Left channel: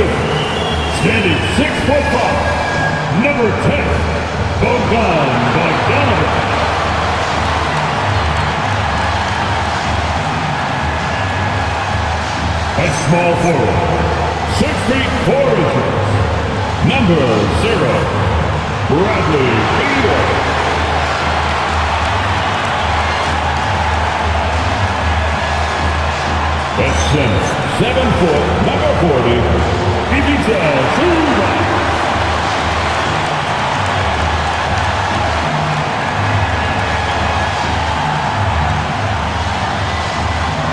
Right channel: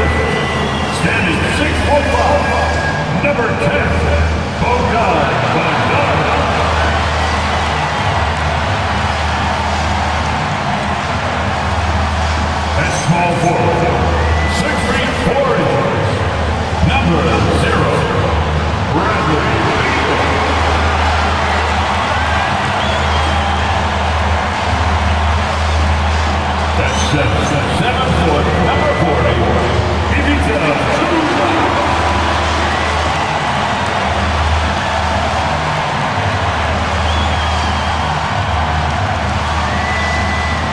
position, standing 6'5", number 10, Bogdanovic. At small forward, 6 feet 4 inches, number 0, Bradley Beal. At center, 7 foot, number 40, Ivica Zubac.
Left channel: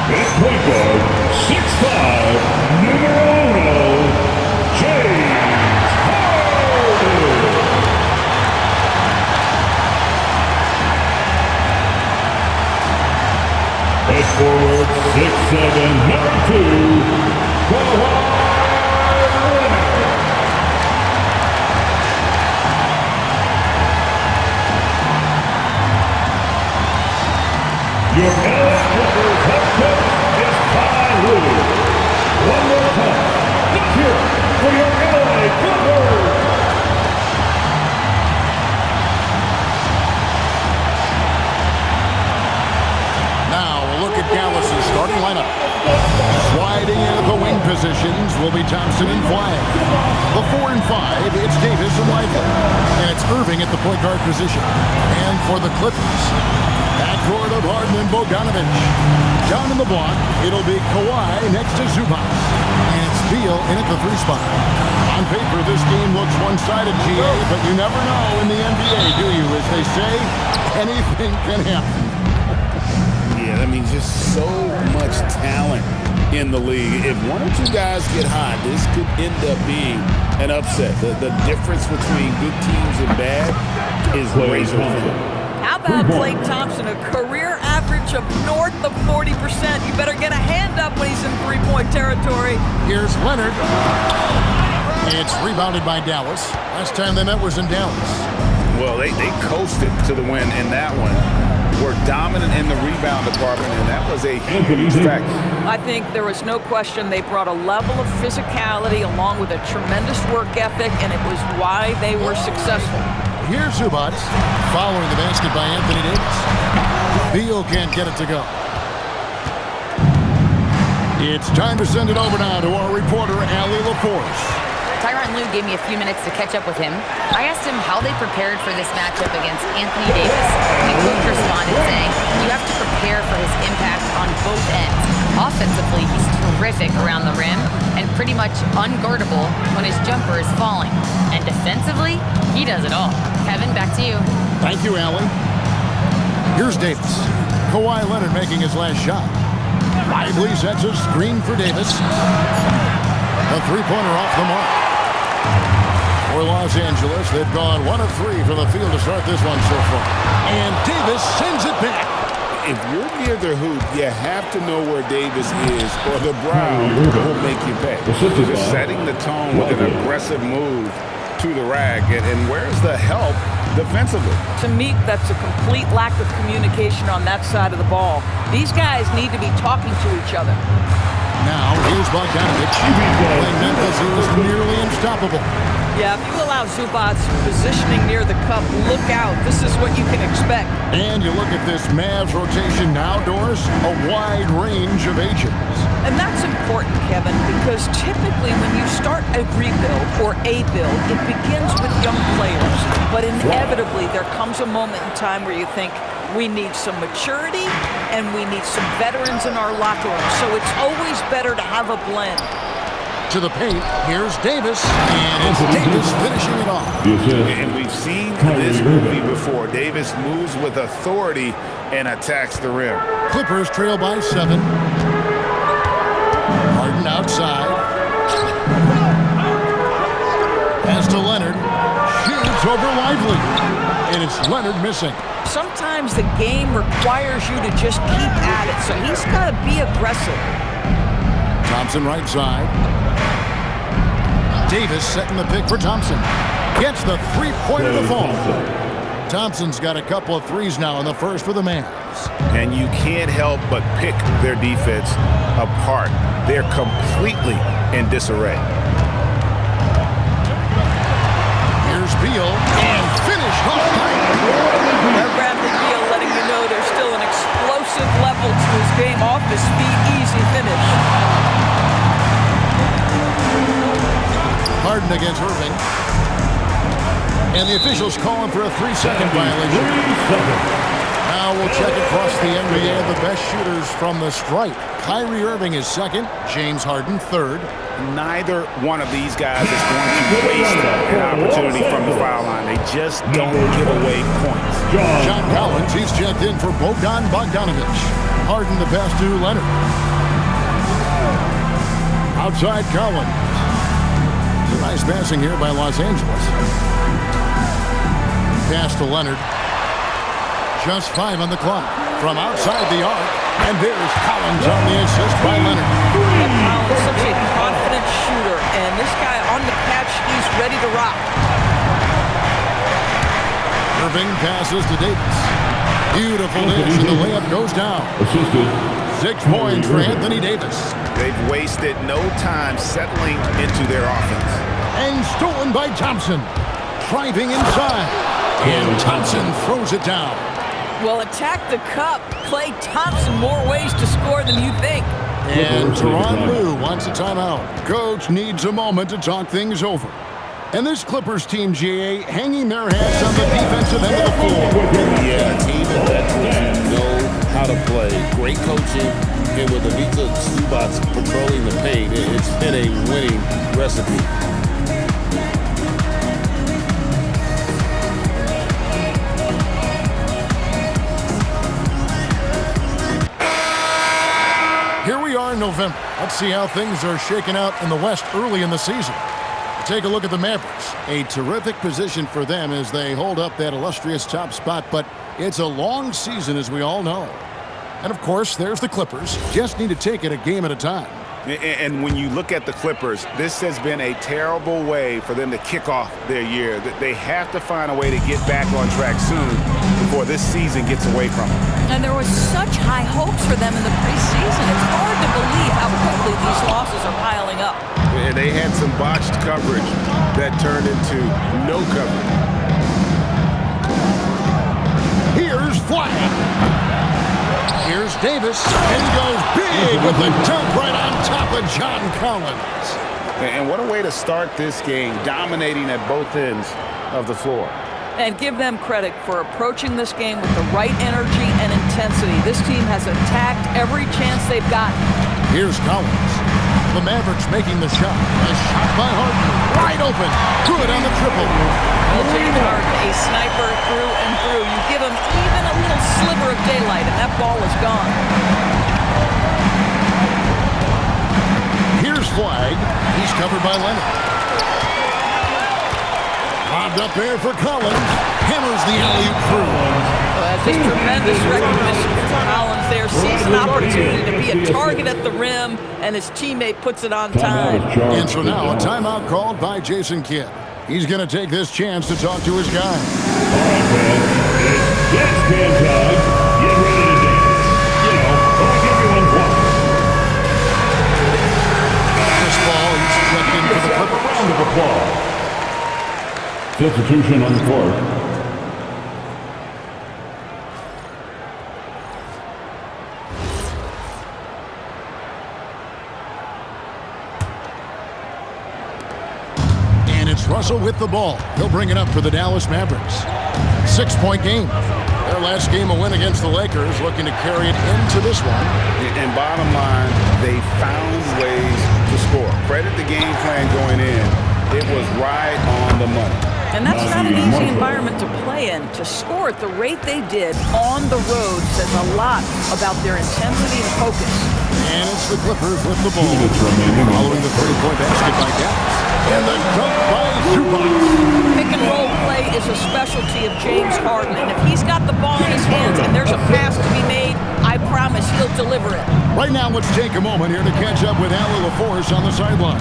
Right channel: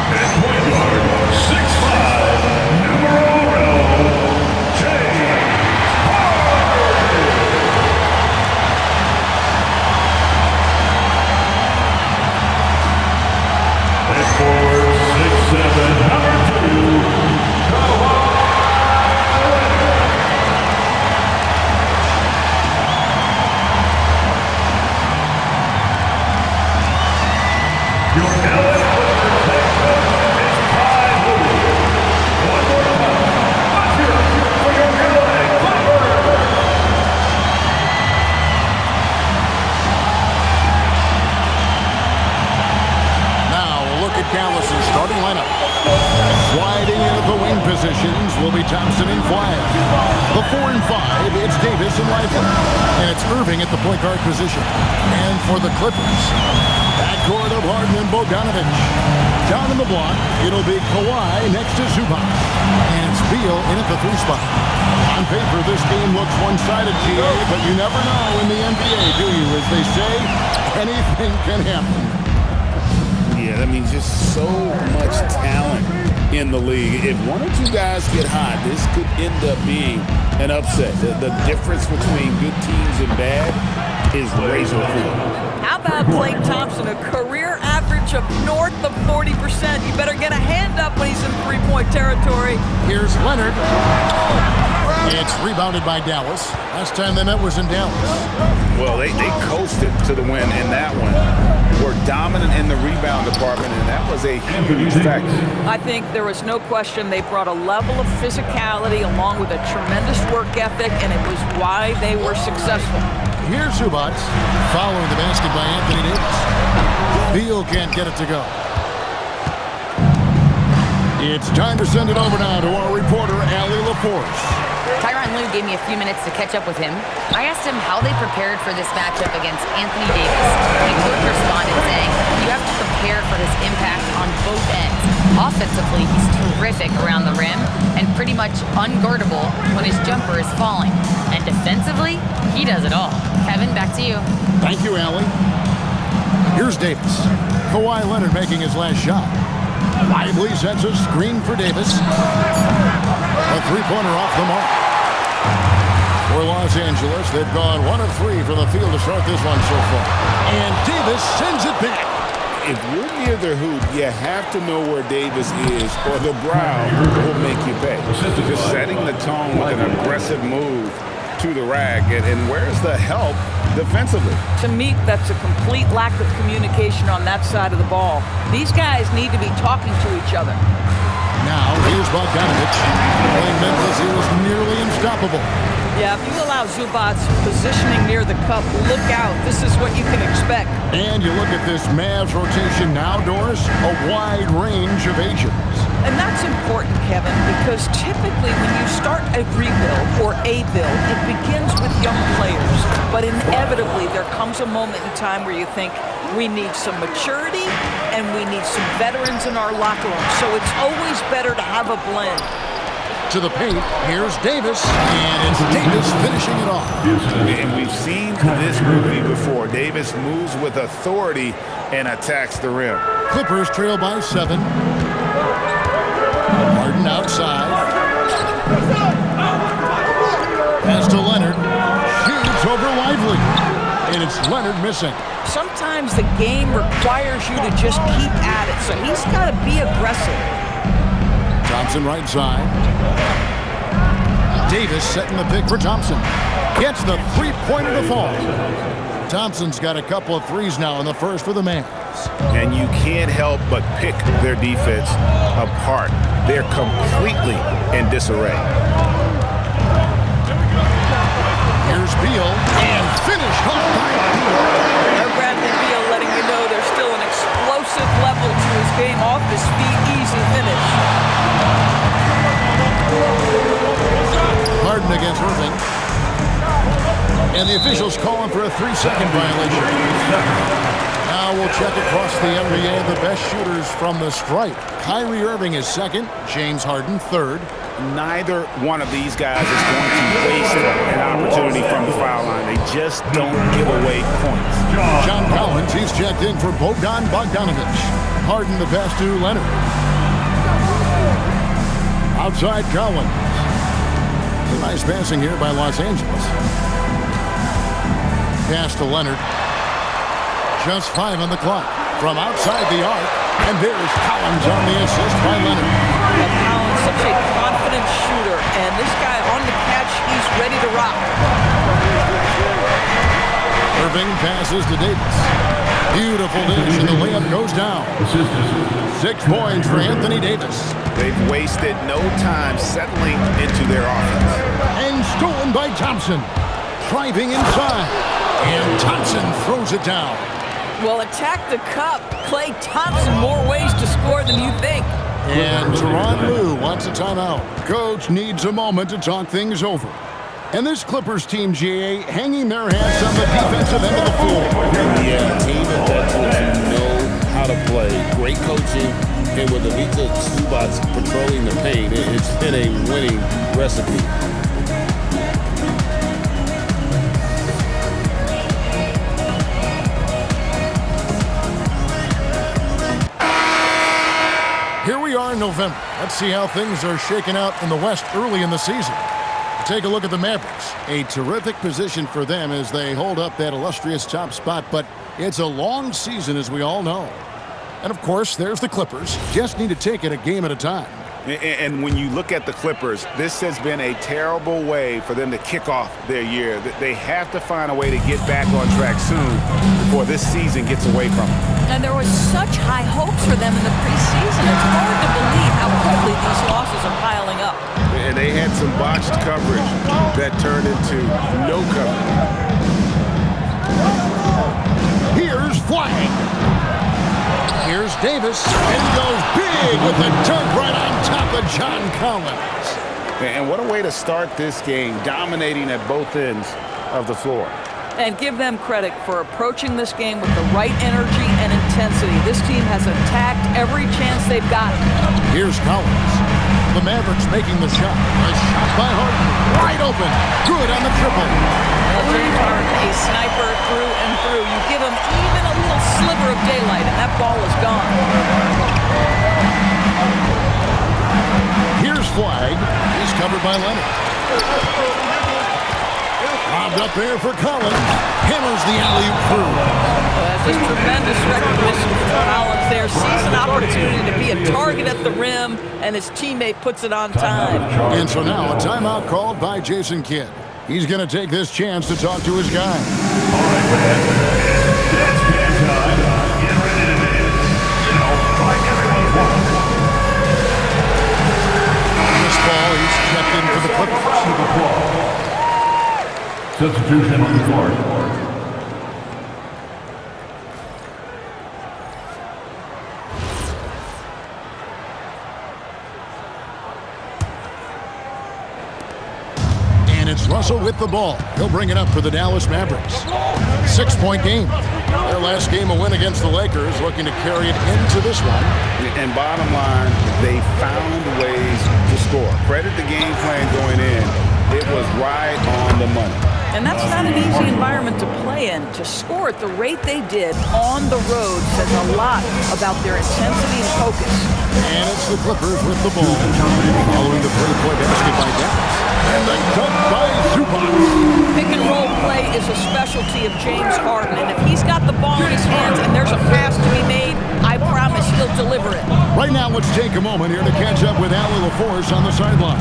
At point guard, 6'5", numero 1, James Harden. At forward, 6'7", number 2, Kawhi Leonard. Your LA Clippers head coach is Ty Lue. One more time, let's hear it for your LA Clippers. Now a look at Dallas's starting lineup. Sliding into the wing positions will be Thompson and Flagg. The 4 and 5, it's Davis and Lively. And it's Irving at the point guard position. And for the Clippers, backcourt of Harden and Bogdanovic. Down in the block, it'll be Kawhi next to Zubac. And it's Beal in at the 3 spot. On paper, this game looks one-sided, GA, but you never know in the NBA, do you? As they say, anything can happen. Yeah, I mean, just so much talent in the league. If one or two guys get hot, this could end up being an upset. The difference between good teams and bad is razor thin. How about Klay Thompson, a career average of north of 40%? You better get a hand up when he's in three-point territory. Here's Leonard. It's rebounded by Dallas. Last time they met was in Dallas. Well, they coasted to the win in that one. Were dominant in the rebound department, and that was a huge factor. I think there was no question they brought a level of physicality along with a tremendous work ethic, and it was why they were successful. Here's Zubac, following the basket by Anthony Davis. Beal can't get it to go. It's time to send it over now to our reporter, Allie LaForce. Tyronn Lue gave me a few minutes to catch up with him. I asked him how they prepared for this matchup against Anthony Davis, and Coach responded saying, you have to prepare for his impact on both ends. Offensively, he's terrific around the rim and pretty much unguardable when his jumper is falling. And defensively, he does it all. Kevin, back to you. Thank you, Allie. Here's Davis. Kawhi Leonard making his last shot. Lively sets a screen for Davis. A three-pointer off the mark. For Los Angeles, they've gone 1 of 3 from the field to start this one so far. And Davis sends it back. If you're near the hoop, you have to know where Davis is, or the brow will make you pay. Just setting the tone with an aggressive move to the rack. And where's the help defensively? To me, that's a complete lack of communication on that side of the ball. These guys need to be talking to each other. Now, here's Bogdanovic. Playing Memphis, he was nearly unstoppable. Yeah, if you allow Zubac positioning near the cup, look out. This is what you can expect. And you look at this Mavs rotation now, Doris, a wide range of ages. And that's important, Kevin, because typically when you start a rebuild or a build, it begins with young players. But inevitably, there comes a moment in time where you think, we need some maturity and we need some veterans in our locker room. So it's always better to have a blend. To the paint, here's Davis, and it's Davis finishing it off. And we've seen this movie before. Davis moves with authority and attacks the rim. Clippers trail by 7. Harden outside. Pass to Leonard. Shoots over Lively. And it's Leonard missing. Sometimes the game requires you to just keep at it, so he's got to be aggressive. Thompson right side. Davis setting the pick for Thompson. Gets the three-pointer to fall. Thompson's got a couple of threes now in the first for the Mavs. And you can't help but pick their defense apart. They're completely in disarray. Here's Beal, and finished off by Beal. There's Bradley Beal letting you know there's still an explosive level to his game. Off his feet, easy finish. Harden against Irving. And the officials calling for a 3-second violation. Now we'll check across the NBA the best shooters from the stripe. Kyrie Irving is second, James Harden third. Neither one of these guys is going to waste an opportunity from the foul line. They just don't give away points. John Collins, he's checked in for Bogdan Bogdanovic. Harden the pass to Leonard. Outside Collins. It's a nice passing here by Los Angeles. Pass to Leonard. Just 5 on the clock. From outside the arc. And there's Collins on the assist by Leonard. Collins, such a confident shooter. And this guy on the catch, he's ready to rock. Irving passes to Davis. Beautiful dish, and the layup goes down. 6 points for Anthony Davis. They've wasted no time settling into their offense. And stolen by Thompson. Driving inside. And Thompson throws it down. Well, attack the cup. Klay Thompson, more ways to score than you think. And Tyronn Lue wants a timeout. Coach needs a moment to talk things over. And this Clippers team, GA, hanging their hats on the defensive end of the floor. Yeah, a team of veterans who know how to play. Great coaching. And with Ivica Zubac patrolling the paint, it's been a winning recipe. Here we are in November. Let's see how things are shaking out in the West early in the season. Take a look at the Mavericks. A terrific position for them as they hold up that illustrious top spot, but it's a long season, as we all know. And, of course, there's the Clippers. Just need to take it a game at a time. And when you look at the Clippers, this has been a terrible way for them to kick off their year. They have to find a way to get back on track soon before this season gets away from them. And there was such high hopes for them in the preseason. It's hard to believe how quickly these losses are piling up. And they had some botched coverage that turned into no coverage. Here's Flag. Here's Davis, and he goes big with the dunk right on top of John Collins. And what a way to start this game, dominating at both ends of the floor. And give them credit for approaching this game with the right energy and intensity. This team has attacked every chance they've gotten. Here's Collins. The Mavericks making the shot. A shot by Harden. Wide open. Good on the triple. Well, James Harden, a sniper through and through. You give him even a little sliver of daylight, and that ball is gone. Here's Flag. He's covered by Leonard. Lobbed up there for Collins. Hammers the alley-oop through. Oh, that's just tremendous recognition for Collins there. Sees an opportunity to be a target at the rim, and his teammate puts it on time. And so now a timeout called by Jason Kidd. He's going to take this chance to talk to his guy. All right, man. It's dance can time. Get ready to dance. You know, like everyone's watching. Chris Paul, he's checked in for the Clippers. Round of applause. Substitution on the court. And it's Russell with the ball. He'll bring it up for the Dallas Mavericks. 6-point game. Their last game, a win against the Lakers, looking to carry it into this one. And bottom line, they found ways to score. Credit the game plan going in. It was right on the money. And that's not an easy environment to play in. To score at the rate they did on the road says a lot about their intensity and focus. And it's the Clippers with the ball. Following the three-point basket by Dallas. And the dunk by Zubac. Pick and roll play is a specialty of James Harden. And if he's got the ball in his hands and there's a pass to be made, I promise he'll deliver it. Right now, let's take a moment here to catch up with Allie LaForce on the sideline.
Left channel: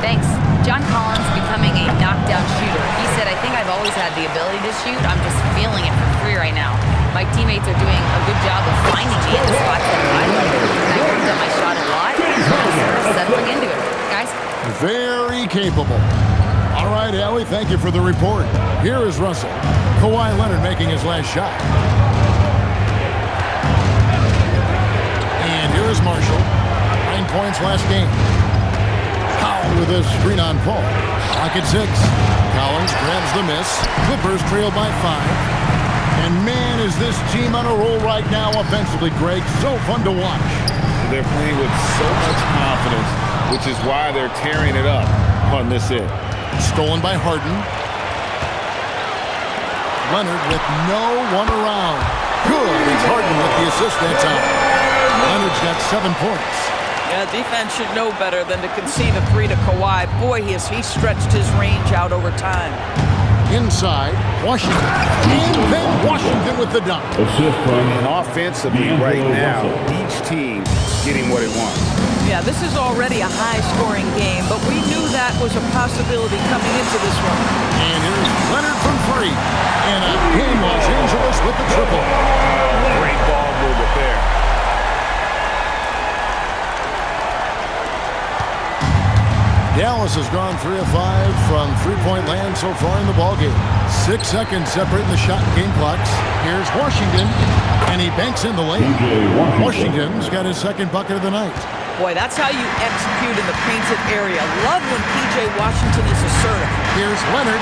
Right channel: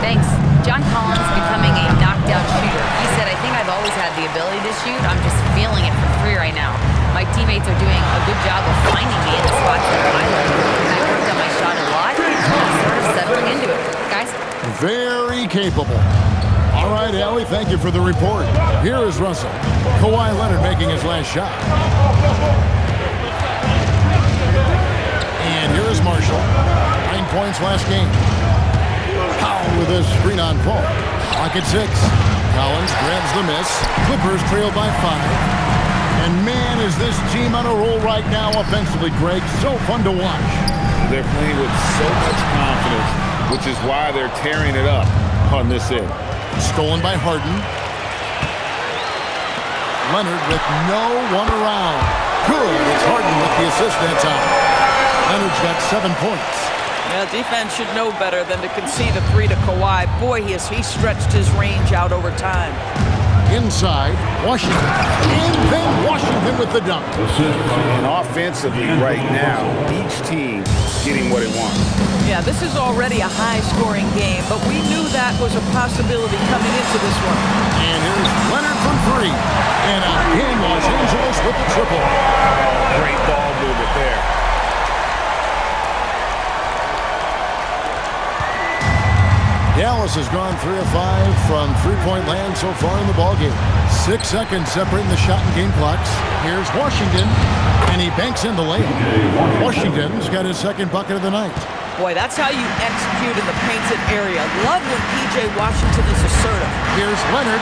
Thanks. John Collins becoming a knockdown shooter. He said, I think I've always had the ability to shoot. I'm just feeling it from three right now. My teammates are doing a good job of finding me in the spots that I like. And I worked on my shot a lot. And I'm sort of settling into it. Guys? Very capable. All right, Allie, thank you for the report. Here is Russell. Kawhi Leonard making his last shot. And here is Marshall. 9 points last game. Powell with a screen on Paul. Clock at 6. Collins grabs the miss. Clippers trail by 5. And man, is this team on a roll right now offensively, Greg. So fun to watch. They're playing with so much confidence, which is why they're tearing it up on this end. Stolen by Harden. Leonard with no one around. Good. It's Harden with the assist that time. Leonard's got 7 points. Yeah, defense should know better than to concede a 3 to Kawhi. Boy, he stretched his range out over time. Inside, Washington. And then Washington with the dunk. And offensively right now, each team getting what it wants. Yeah, this is already a high-scoring game, but we knew that was a possibility coming into this one. And here's Leonard from 3. And again, Los Angeles with the triple. Oh, great ball movement there. Dallas has gone 3 of 5 from three-point land so far in the ballgame. 6 seconds separating the shot and game clocks. Here's Washington, and he banks in the layup. Washington's got his second bucket of the night. Boy, that's how you execute in the painted area. Love when P.J. Washington is assertive. Here's Leonard.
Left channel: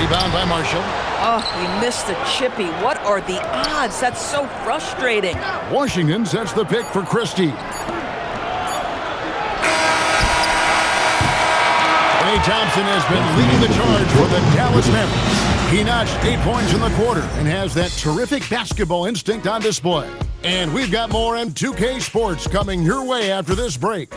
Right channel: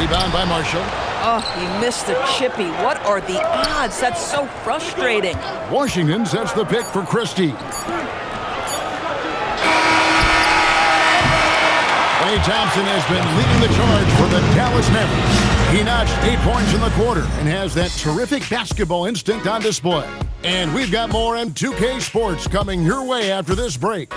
Rebound by Marshall. Oh, he missed the chippy. What are the odds? That's so frustrating. Washington sets the pick for Christie. Klay Thompson has been leading the charge for the Dallas Mavericks. He notched 8 points in the quarter and has that terrific basketball instinct on display. And we've got more M2K Sports coming your way after this break.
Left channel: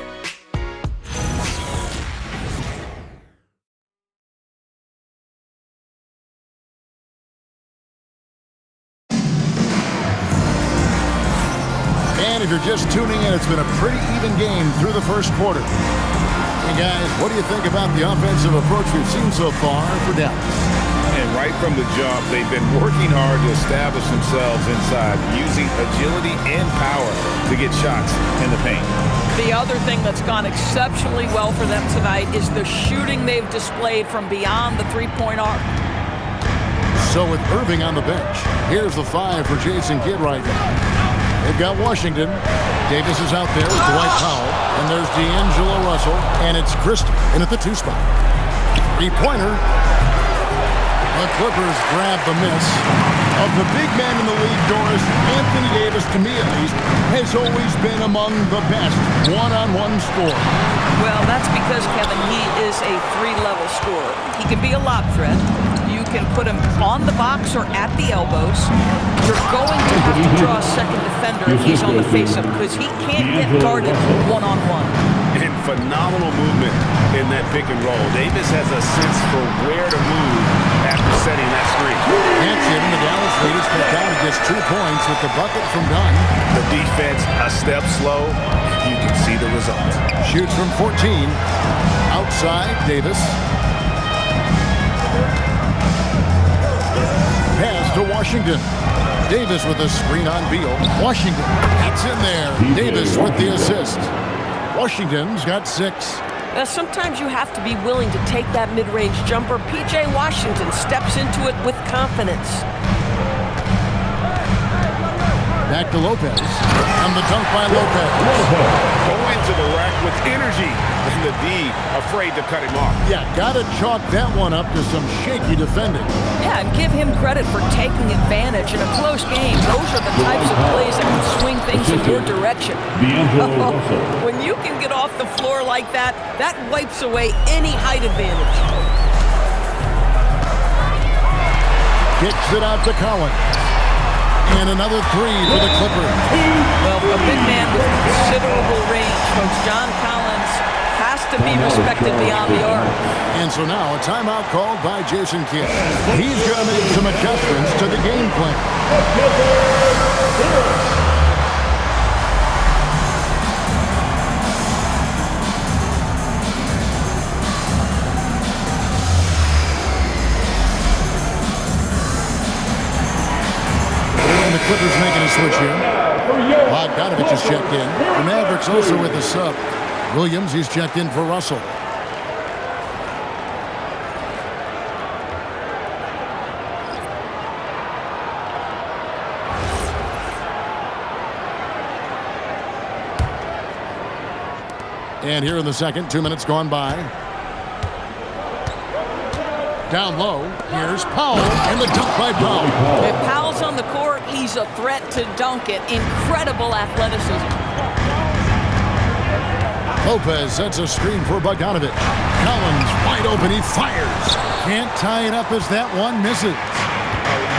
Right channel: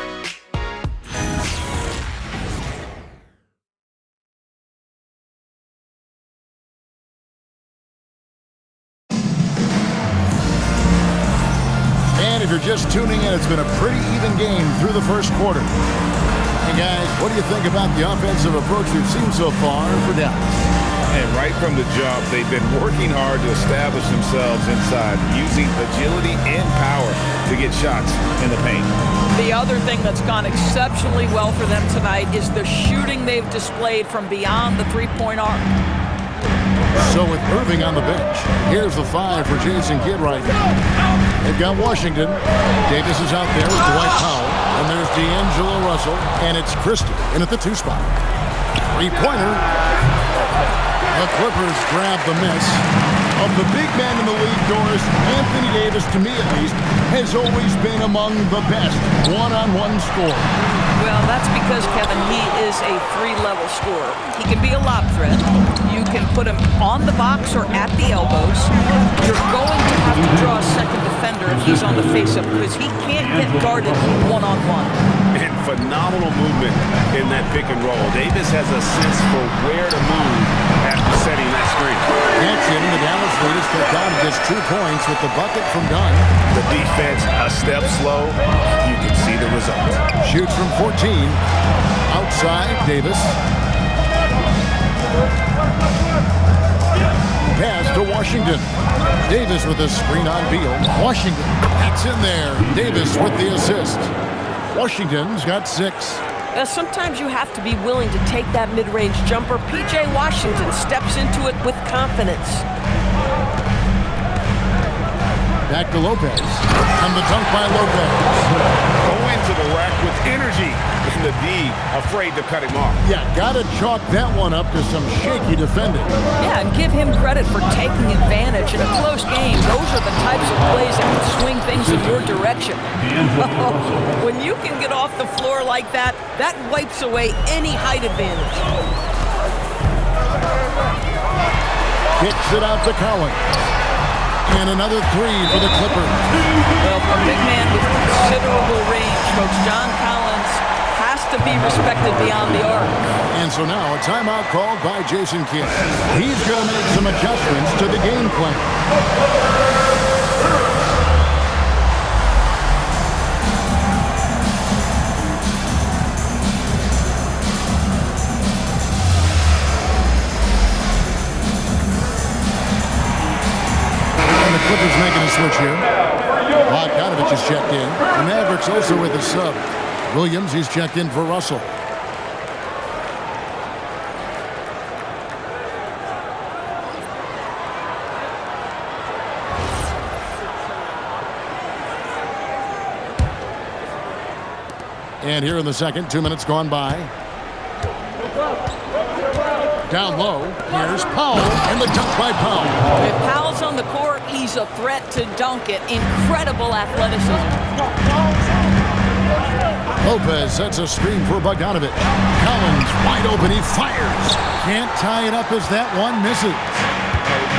And if you're just tuning in, it's been a pretty even game through the first quarter. And guys, what do you think about the offensive approach we've seen so far for Dallas? And right from the jump, they've been working hard to establish themselves inside, using agility and power to get shots in the paint. The other thing that's gone exceptionally well for them tonight is the shooting they've displayed from beyond the three-point arc. So with Irving on the bench, here's the 5 for Jason Kidd right now. They've got Washington. Davis is out there with Dwight Powell. And there's D'Angelo Russell. And it's Christie in at the 2 spot. Three-pointer. The Clippers grab the miss. Of the big man in the league, Doris, Anthony Davis, to me at least, has always been among the best one-on-one scorers. Well, that's because, Kevin, he is a 3-level scorer. He can be a lob threat. You can put him on the box or at the elbows. You're going to have to draw a second defender if he's on the face-up because he can't get guarded one-on-one. And phenomenal movement in that pick and roll. Davis has a sense for where to move after setting that screen. That's it, and the Dallas lead is cut down to just 2 points with the bucket from Dunn. The defense a step slow. You can see the result. Shoots from 14. Outside, Davis. Pass to Washington. Davis with a screen on Beal. Washington, that's in there. Davis with the assist. Washington's got 6. Sometimes you have to be willing to take that mid-range jumper. P.J. Washington steps into it with confidence. Back to Lopez. And the dunk by Lopez. Going to the rack with energy. And the D afraid to cut him off. Yeah, gotta chalk that one up to some shaky defending. Yeah, and give him credit for taking advantage in a close game. Those are the types of plays that can swing things in your direction. When you can get off the floor like that, that wipes away any height advantage. Kicks it out to Collins. And another 3 for the Clippers. Well, a big man with considerable range, folks. John Collins has to be respected beyond the arc. And so now a timeout called by Jason Kidd. He's going to make some adjustments to the game plan. The Clippers making a switch here. Bogdanovich is checked in. The Mavericks also with a sub. Williams, he's checked in for Russell. And here in the second, 2 minutes gone by. Down low, here's Powell, and the dunk by Powell. If Powell's on the court, he's a threat to dunk it. Incredible athleticism. Lopez sets a screen for Bogdanovich. Collins wide open, he fires. Can't tie it up as that one misses.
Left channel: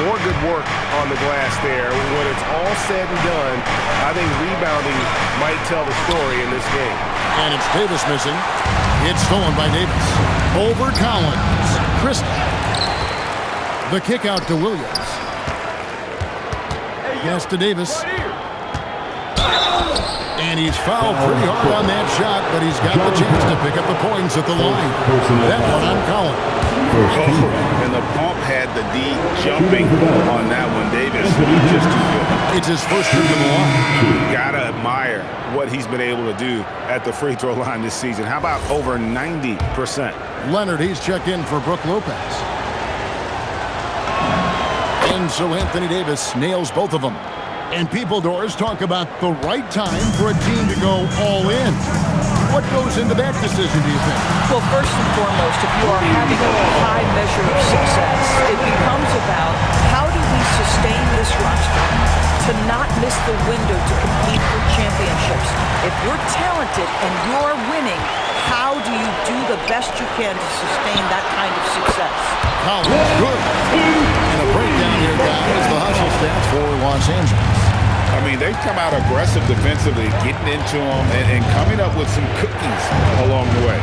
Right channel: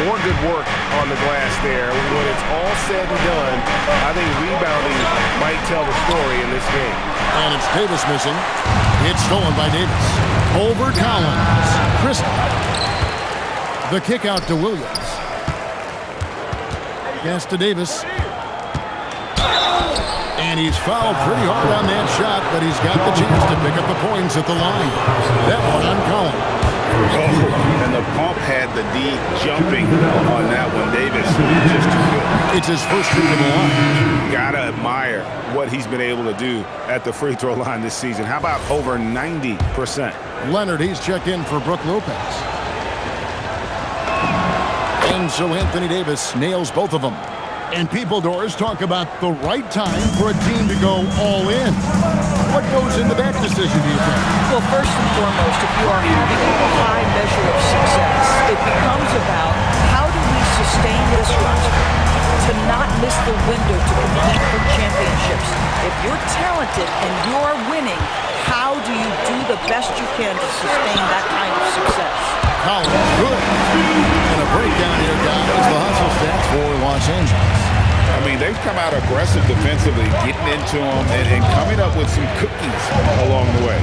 More good work on the glass there. When it's all said and done, I think rebounding might tell the story in this game. And it's Davis missing. It's stolen by Davis. Over Collins. Christie. The kick out to Williams. Pass to Davis. And he's fouled pretty hard on that shot, but he's got the chance to pick up the points at the line. That one on Collins. Oh, and the pump had the D jumping on that one. Davis just too good. It's his first trip to the line. Gotta admire what he's been able to do at the free throw line this season. How about over 90%? Leonard, he's checked in for Brook Lopez. And so Anthony Davis nails both of them. And people, Doris, talk about the right time for a team to go all in. What goes into that decision, do you think? Well, first and foremost, if you are having a high measure of success, it becomes about how do we sustain this roster to not miss the window to compete for championships. If you're talented and you're winning, how do you do the best you can to sustain that kind of success? Collins, good. And a breakdown here, guys. The hustle stats for Los Angeles. I mean, they've come out aggressive defensively, getting into them and coming up with some cookies along the way.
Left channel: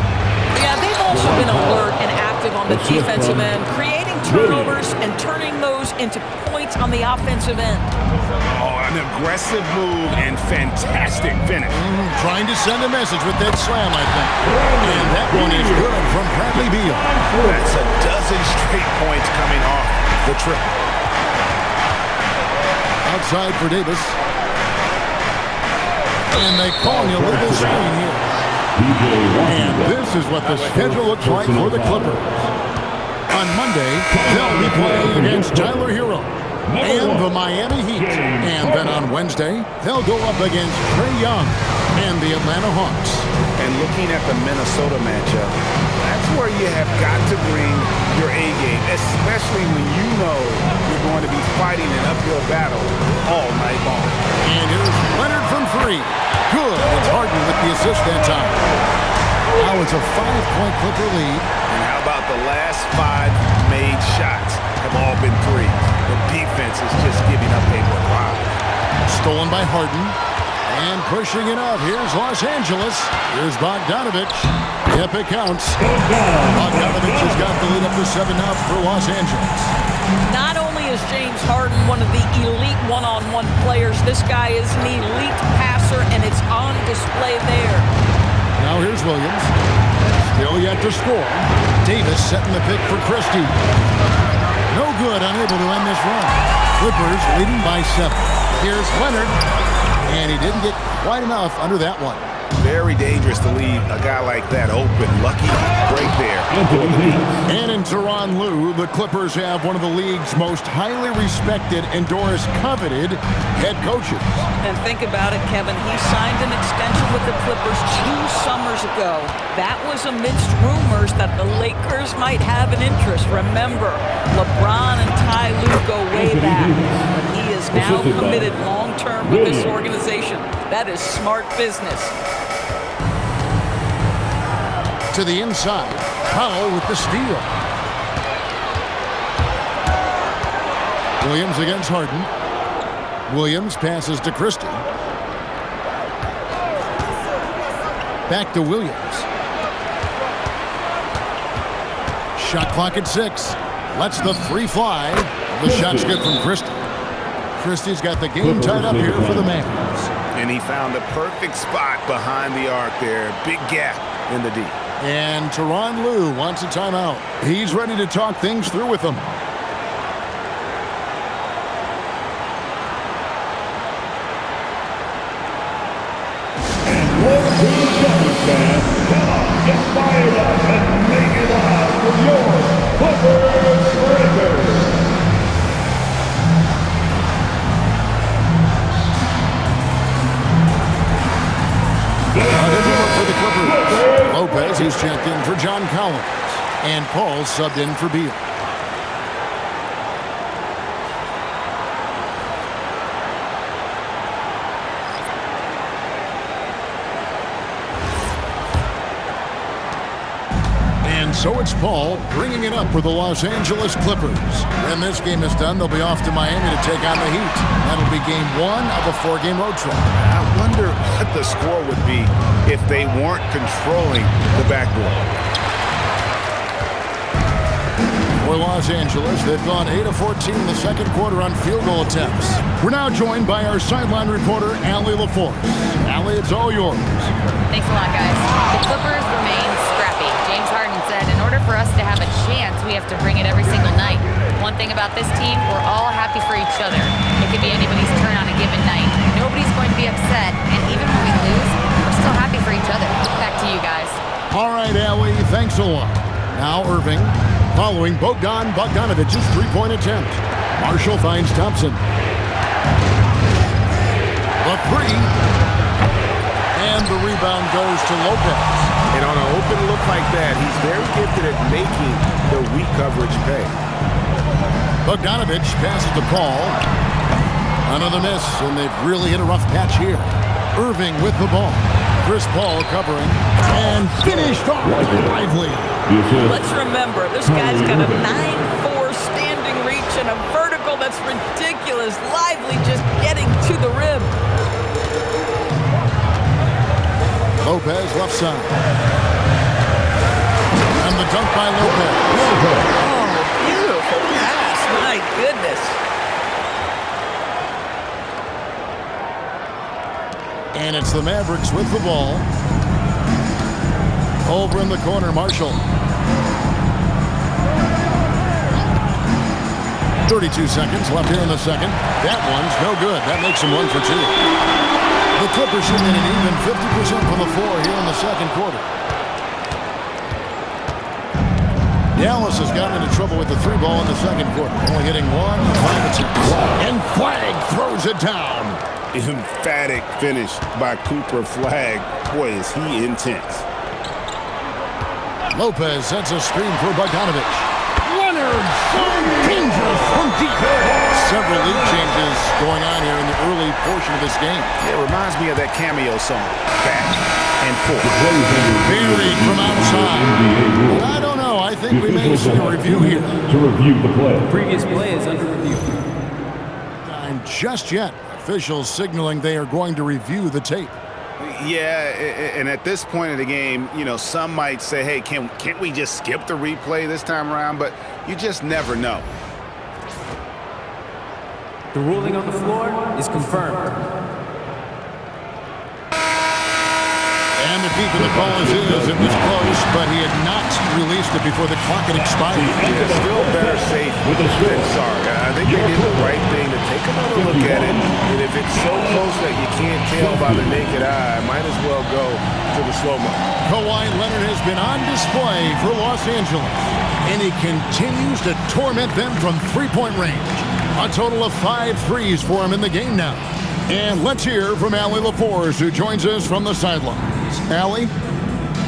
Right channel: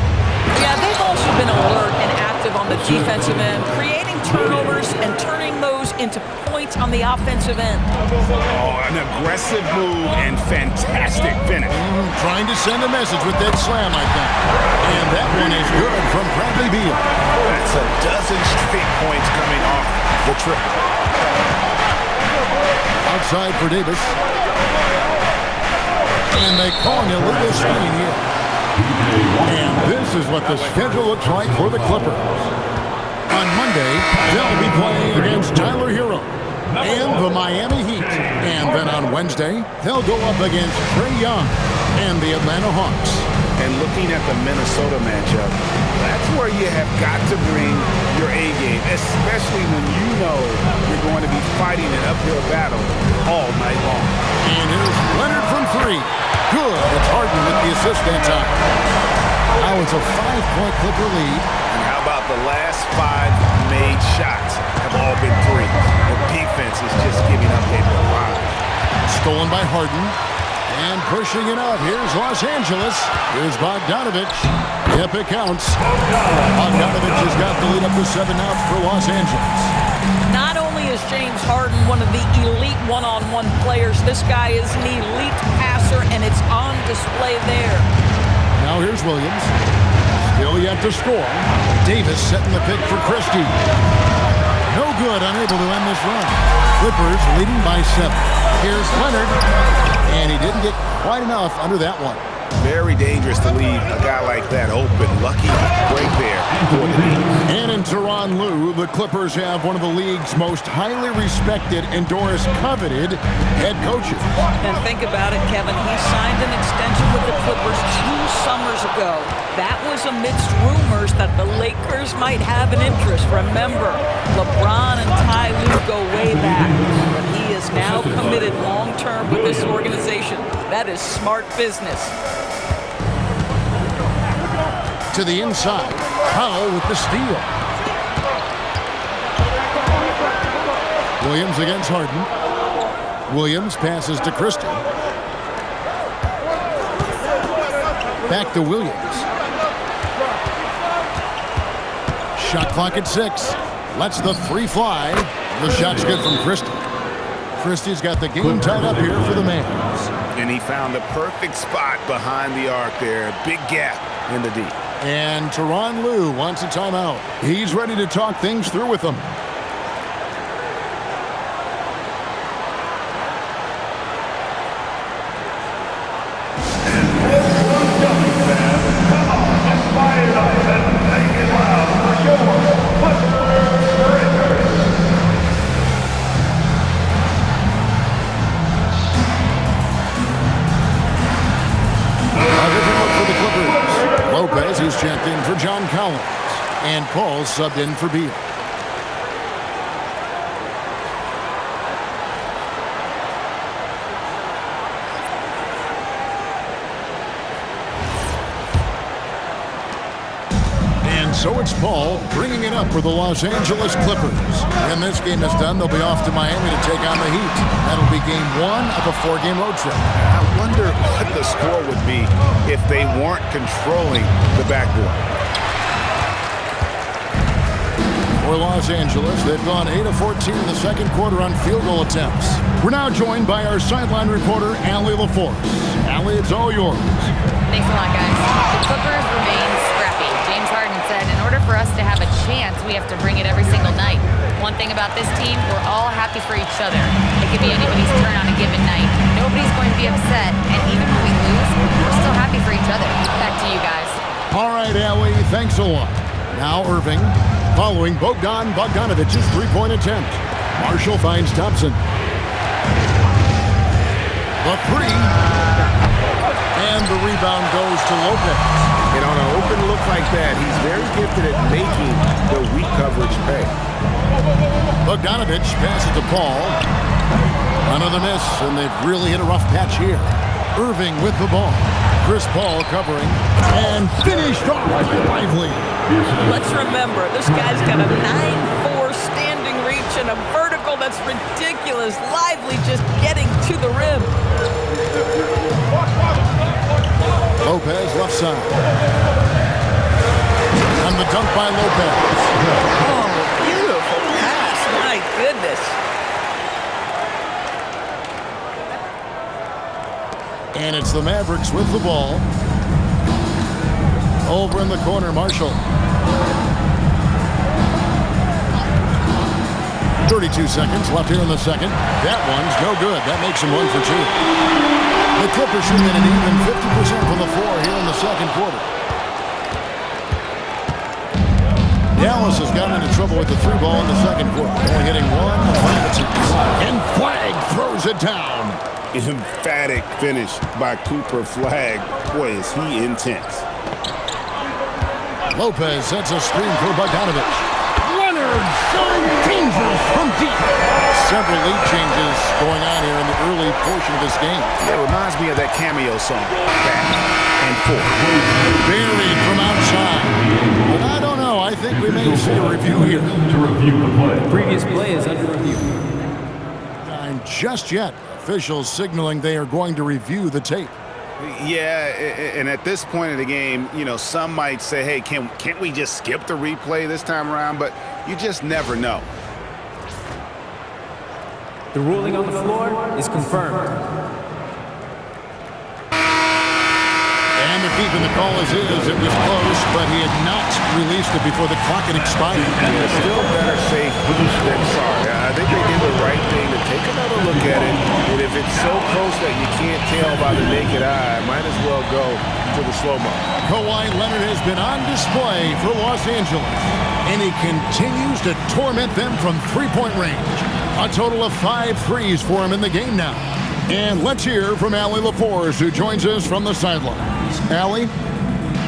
Yeah, they've also been alert and active on the defensive end, creating turnovers and turning those into points on the offensive end. Oh, an aggressive move and fantastic finish. Trying to send a message with that slam, I think. And that one is good from Bradley Beal. That's a dozen straight points coming off the trip. Outside for Davis. And they call an illegal screen here. And this is what the schedule looks like for the Clippers. On Monday, they'll be playing against Tyler Hero and the Miami Heat. And then on Wednesday, they'll go up against Trae Young and the Atlanta Hawks. And looking at the Minnesota matchup, that's where you have got to bring your A game, especially when you know you're going to be fighting an uphill battle all night long. And here's Leonard from three. Good. It's Harden with the assist that time. Now it's a 5-point Clipper lead. And how about the last 5 made shots have all been threes? The defense is just giving up a barrage. Stolen by Harden. And pushing it up. Here's Los Angeles. Here's Bogdanovich. Yep, it counts. Bogdanovich has got the lead up to 7 now for Los Angeles. Not only is James Harden one of the elite one-on-one players, this guy is an elite passer, and it's on display there. Now here's Williams. Still yet to score. Davis setting the pick for Christie. No good, unable to end this run. Clippers leading by 7. Here's Leonard. And he didn't get quite enough under that one. Very dangerous to leave a guy like that open. Lucky break there for the D. And in Tyronn Lue, the Clippers have one of the league's most highly respected and Doris coveted head coaches. And think about it, Kevin. He signed an extension with the Clippers 2 summers ago. That was amidst rumors that the Lakers might have an interest. Remember, LeBron and Ty Lue go way back. But he is now committed long-term with this organization. That is smart business. To the inside, Powell with the steal. Williams against Harden. Williams passes to Christie. Back to Williams. Shot clock at 6. Lets the 3 fly. The shot's good from Christie. Christie's got the game tied up here for the Mavs. And he found the perfect spot behind the arc there. Big gap in the D. And Tyronn Lue wants a timeout. He's ready to talk things through with them. And welcome, Celtics fans. Come on, get fired up and make it loud for your Clippers Breakers. The A different look for the Clippers. Lopez, he's checked in for John Collins. And Paul subbed in for Beal. And so it's Paul bringing it up for the Los Angeles Clippers. When this game is done, they'll be off to Miami to take on the Heat. That'll be game 1 of a 4-game road trip. I wonder what the score would be if they weren't controlling the backboard. For Los Angeles, they've gone 8 of 14 in the second quarter on field goal attempts. We're now joined by our sideline reporter, Allie LaForce. Allie, it's all yours. Thanks a lot, guys. The Clippers remain scrappy. James Harden said, in order for us to have a chance, we have to bring it every single night. One thing about this team, we're all happy for each other. It could be anybody's turn on a given night. Nobody's going to be upset, and even when we lose, we're still happy for each other. Back to you guys. All right, Allie, thanks a lot. Now Irving, following Bogdanovic's three-point attempt. Marshall finds Thompson. The three. And the rebound goes to Lopez. And on an open look like that, he's very gifted at making the weak coverage pay. Bogdanovich passes to Paul. Another miss, and they've really hit a rough patch here. Irving with the ball. Chris Paul covering. And finished off by Lively. Let's remember, this guy's got a 9'4" standing reach and a vertical that's ridiculous. Lively just getting to the rim. Lopez left side. And the dunk by Lopez. Oh, beautiful pass. My goodness. And it's the Mavericks with the ball. Over in the corner, Marshall. 32 seconds left here in the second. That one's no good. That makes them 1 for 2. The Clippers shooting at an even 50% from the floor here in the second quarter. Dallas has gotten into trouble with the 3-ball in the second quarter, only hitting 1 of 5 attempts. And Flagg throws it down. Emphatic finish by Cooper Flagg. Boy, is he intense. Lopez sets a screen for Bogdanovich. Leonard, so dangerous from deep. Several lead changes going on here in the early portion of this game. Yeah, it reminds me of that cameo song, Back and Forth. Buried from outside. But I don't know. I think we may see a review here. To review the play. The previous play is under review. Time just yet. Officials signaling they are going to review the tape. Yeah, and at this point in the game, you know, some might say, hey, can't we just skip the replay this time around? But you just never know. The ruling on the floor is confirmed. And the peep in the call is it was close, but he had not released it before the clock had expired. Yeah, still better safe than sorry. I think they did the right thing to take another look at it. And if it's so close that you can't tell by the naked eye, might as well go to the slow-mo. Kawhi Leonard has been on display for Los Angeles, and he continues to torment them from three-point range. A total of 5 threes for him in the game now. And let's hear from Allie LaForce, who joins us from the sidelines. Allie?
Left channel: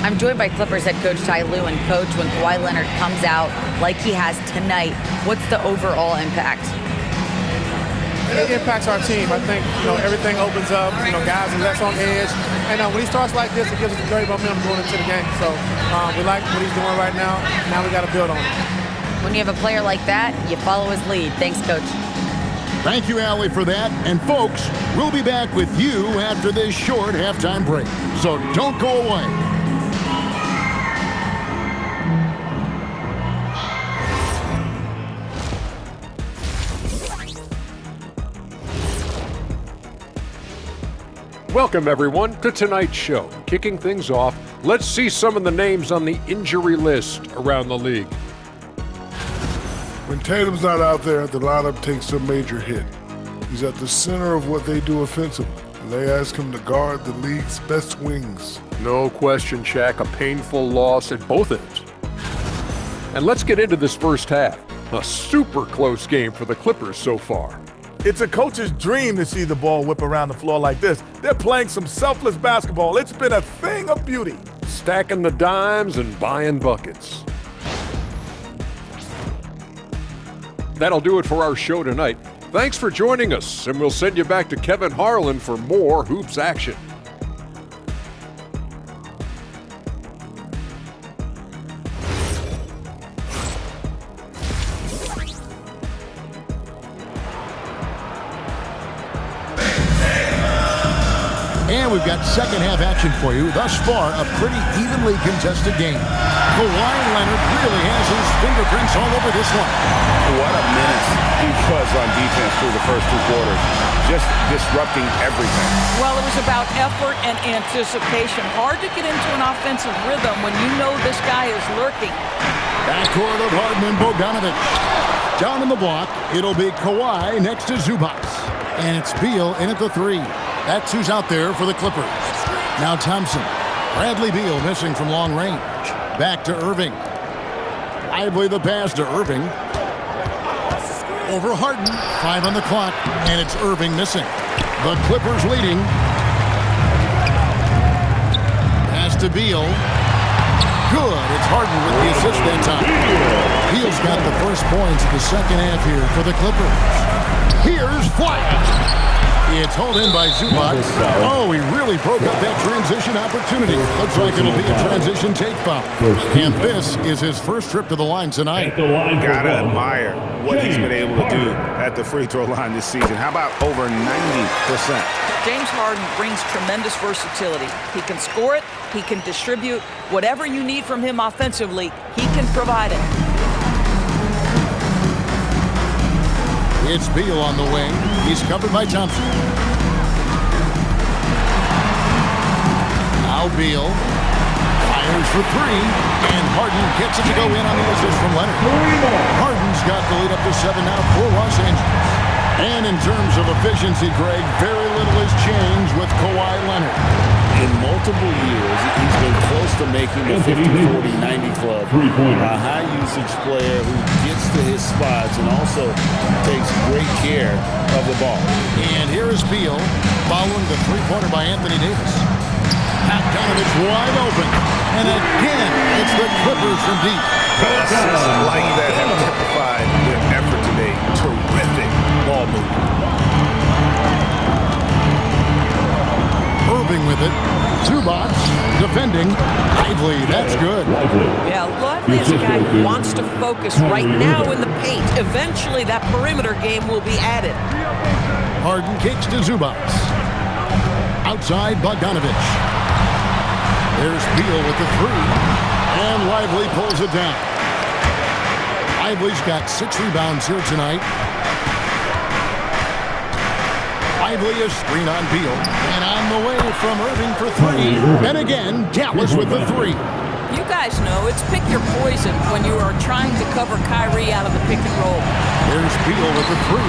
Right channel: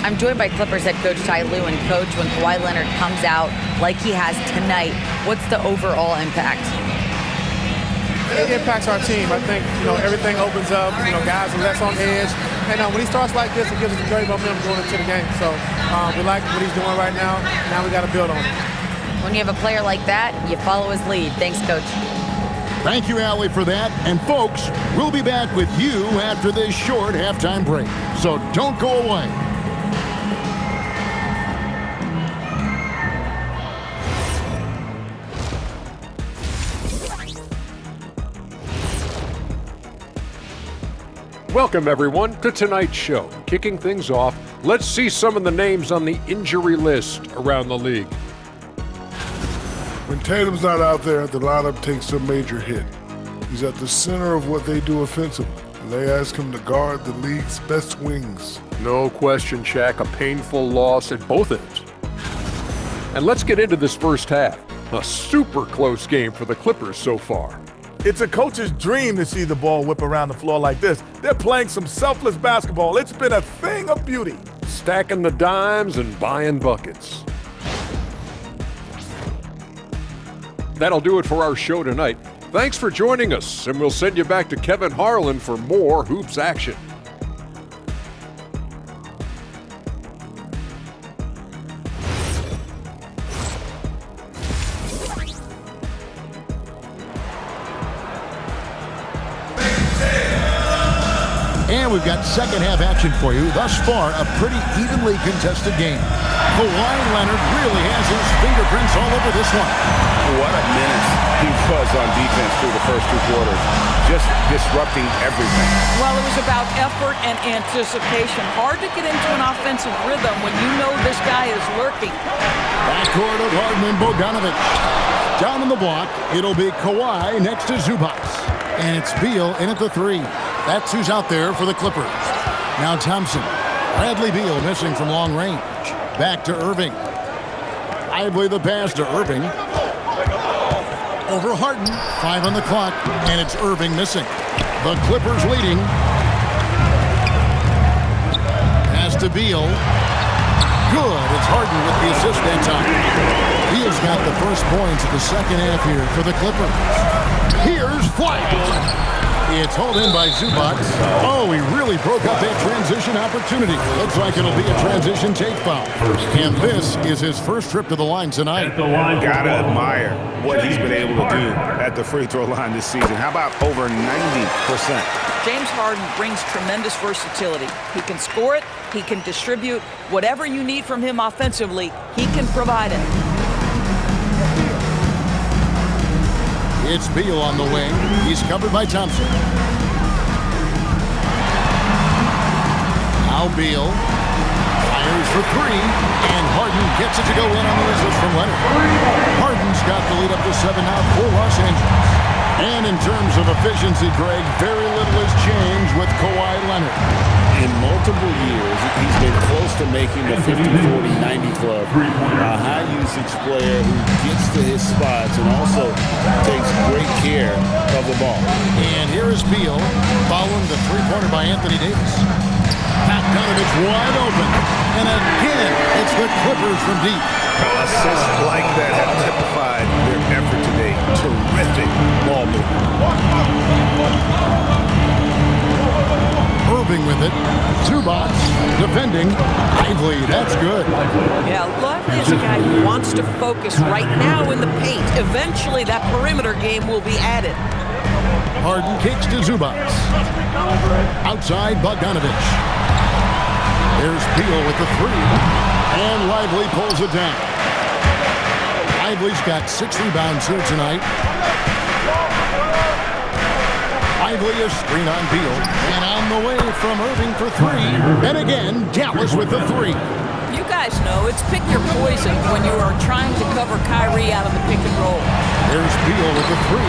I'm joined by Clippers head coach Ty Lue. And coach, when Kawhi Leonard comes out like he has tonight, what's the overall impact? It impacts our team. I think, everything opens up. Guys are less on edge. And when he starts like this, it gives us a great momentum going into the game. So we like what he's doing right now. Now we got to build on it. When you have a player like that, you follow his lead. Thanks, coach. Thank you, Allie, for that. And folks, we'll be back with you after this short halftime break. So don't go away. Welcome, everyone, to tonight's show. Kicking things off, let's see some of the names on the injury list around the league. When Tatum's not out there, the lineup takes a major hit. He's at the center of what they do offensively, and they ask him to guard the league's best wings. No question, Shaq, a painful loss at both ends. And let's get into this first half. A super close game for the Clippers so far. It's a coach's dream to see the ball whip around the floor like this. They're playing some selfless basketball. It's been a thing of beauty. Stacking the dimes and buying buckets. That'll do it for our show tonight. Thanks for joining us, and we'll send you back to Kevin Harlan for more hoops action. And we've got second half action for you. Thus far, a pretty evenly contested game. Kawhi Leonard really has his fingerprints all over this one. What a menace he was on defense through the first 2 quarters. Just disrupting everything. Well, it was about effort and anticipation. Hard to get into an offensive rhythm when you know this guy is lurking. Backcourt of Harden and Bogdanovic. Down in the block, it'll be Kawhi next to Zubac. And it's Beal in at the 3. That's who's out there for the Clippers. Now Thompson. Bradley Beal missing from long range. Back to Irving. Lively the pass to Irving. Over Harden. 5 on the clock, and it's Irving missing. The Clippers leading. Pass to Beal. Good. It's Harden with the assist that time. Beal's got the first points of the second half here for the Clippers. Here's White. It's hauled in by Zubac. Oh, he really broke up that transition opportunity. Looks like it'll be a transition take foul. And this is his first trip to the line tonight. Gotta admire what he's been able to do at the free throw line this season. How about over 90%? James Harden brings tremendous versatility. He can score it. He can distribute. Whatever you need from him offensively, he can provide it. It's Beal on the wing. He's covered by Thompson. Now Beal fires for 3, and Harden gets it to go in on the assist from Leonard. Harden's got the lead up to 7 now for Los Angeles. And in terms of efficiency, Greg, very little has changed with Kawhi Leonard. In multiple years, he's been close to making the 50-40-90 club. A high-usage player who gets to his spots and also takes great care of the ball. And here is Beal following the three-pointer by Anthony Davis. Bogdanovic wide open. And again, it's the Clippers from deep. Assists like that have typified their effort today. Terrific ball movement. Irving with it. Zubac defending. Lively, that's good. Yeah, Lively is a guy who wants to focus right now in the paint. Eventually, that perimeter game will be added. Harden kicks to Zubac. Outside, Bogdanovic. There's Beal with the 3. And Lively pulls it down. Lively's got 6 rebounds here tonight. Lively a screen on Beal. And on the way from Irving for 3. And again, Dallas with the 3. You guys know it's pick your poison when you are trying to cover Kyrie out of the pick and roll. There's Beal with the 3.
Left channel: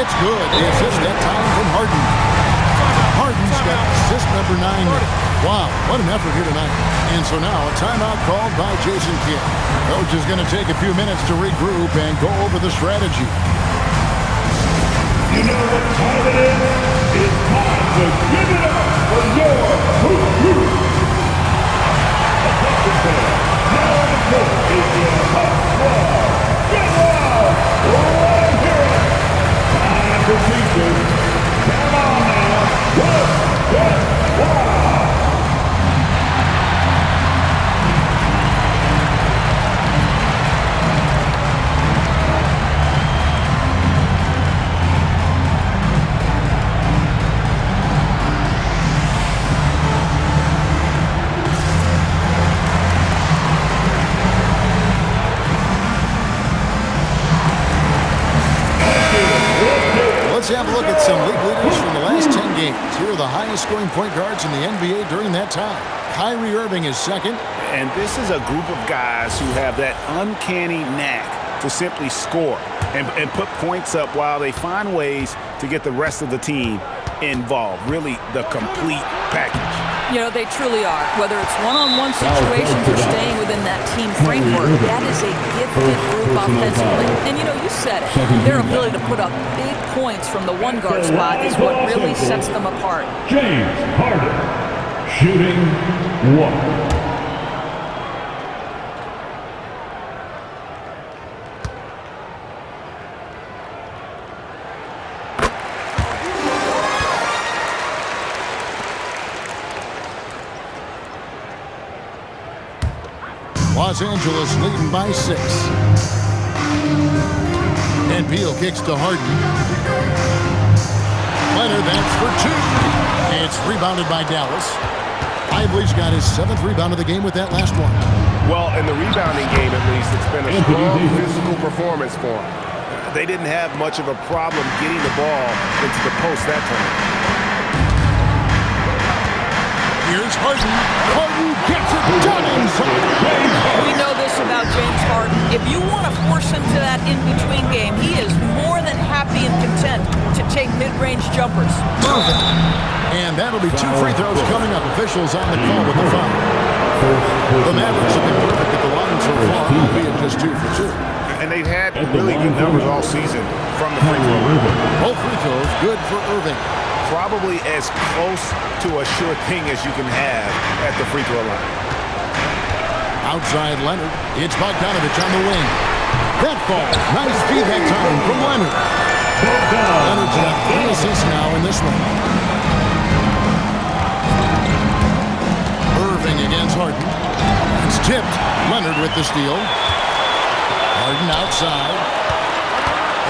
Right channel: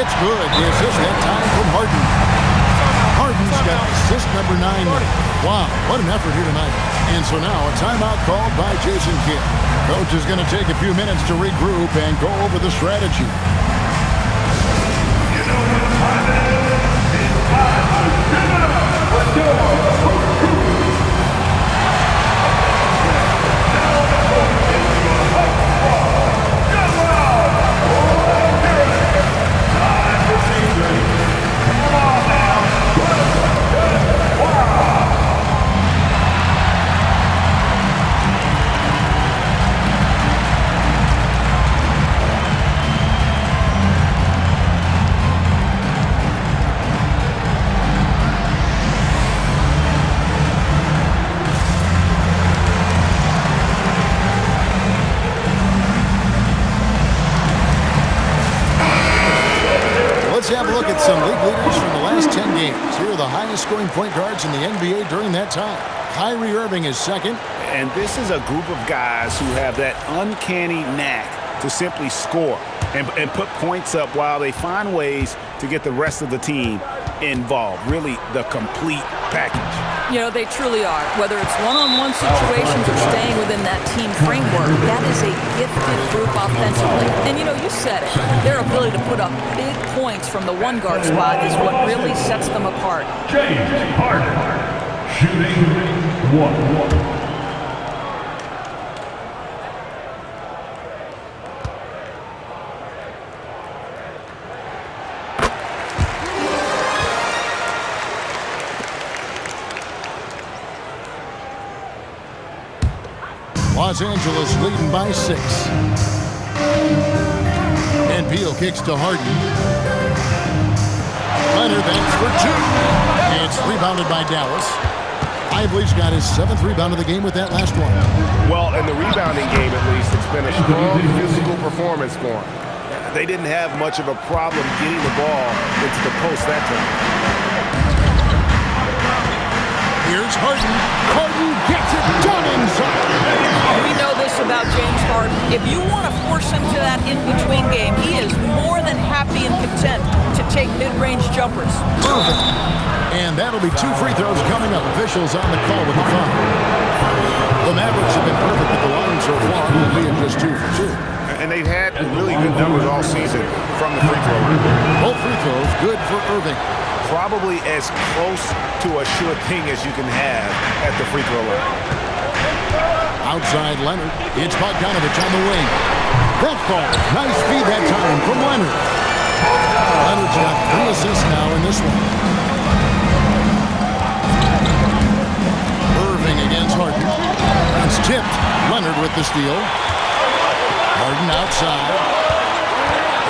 It's good. The assist that time from Harden. Harden's got assist number 9. Wow, what an effort here tonight. And so now a timeout called by Jason Kidd. Coach is going to take a few minutes to regroup and go over the strategy. You know what time it is? It's time to give it up for your Hoop Crew. Now on the court is your Hoop Squad. Good luck! Let's hear it. Time for features. Come on now. Good. Wow. Let's have a look at some league leaders from the last 10 games. Here are the highest scoring point guards in the NBA during that time. Kyrie Irving is second. And this is a group of guys who have that uncanny knack to simply score and put points up while they find ways to get the rest of the team involved. Really the complete package. You know, they truly are. Whether it's one-on-one situations or staying within that team framework, that is a gifted group offensively. And, you know, you said it. Their ability to put up big points from the one-guard spot is what really sets them apart. James Harden, shooting 1. Los Angeles leading by 6. And Beal kicks to Harden. Leonard, that's for 2. It's rebounded by Dallas. Lively's got his 7th rebound of the game with that last one. Well, in the rebounding game, at least, it's been a strong physical performance for them. They didn't have much of a problem getting the ball into the post that time. Here's Harden. Harden gets it done inside. We know this about James Harden. If you want to force him to that in-between game, he is more than happy and content to take mid-range jumpers. Perfect. And that'll be 2 free throws coming up. Officials on the call with the foul. The Mavericks have been perfect at the line so far, albeit just 2 for 2. And they've had really good numbers all season from the free throw line. Both free throws good for Irving. Probably as close to a sure thing as you can have at the free throw line. Outside Leonard. It's Bogdanovich on the wing. That falls. Nice feed that time from Leonard. Leonard's got 3 assists now in this one. Irving against Harden. It's tipped. Leonard with the steal. Harden outside.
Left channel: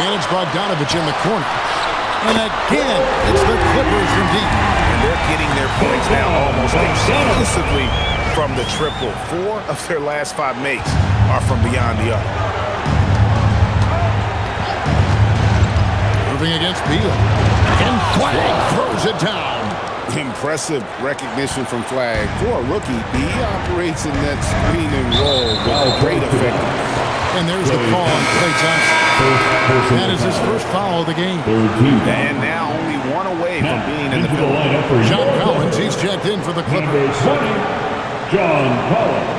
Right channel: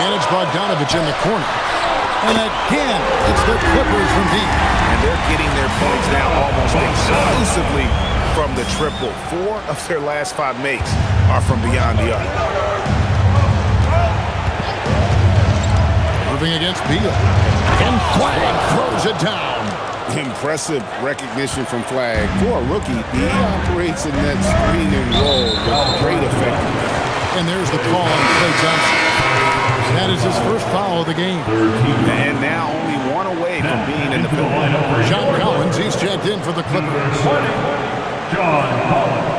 And it's Bogdanovich in the corner. And again, it's the Clippers from deep. And they're getting their points now almost exclusively from the triple. 4 of their last 5 makes are from beyond the arc. Irving against Beal. And Flag throws it down. Impressive recognition from Flag. For a rookie, he operates in that screen and roll with great effectiveness. And there's the call on Klay Thompson. That is his first foul of the game. And now only 1 away from being in the penalty. John Collins, he's checked in for the Clippers. John Collins.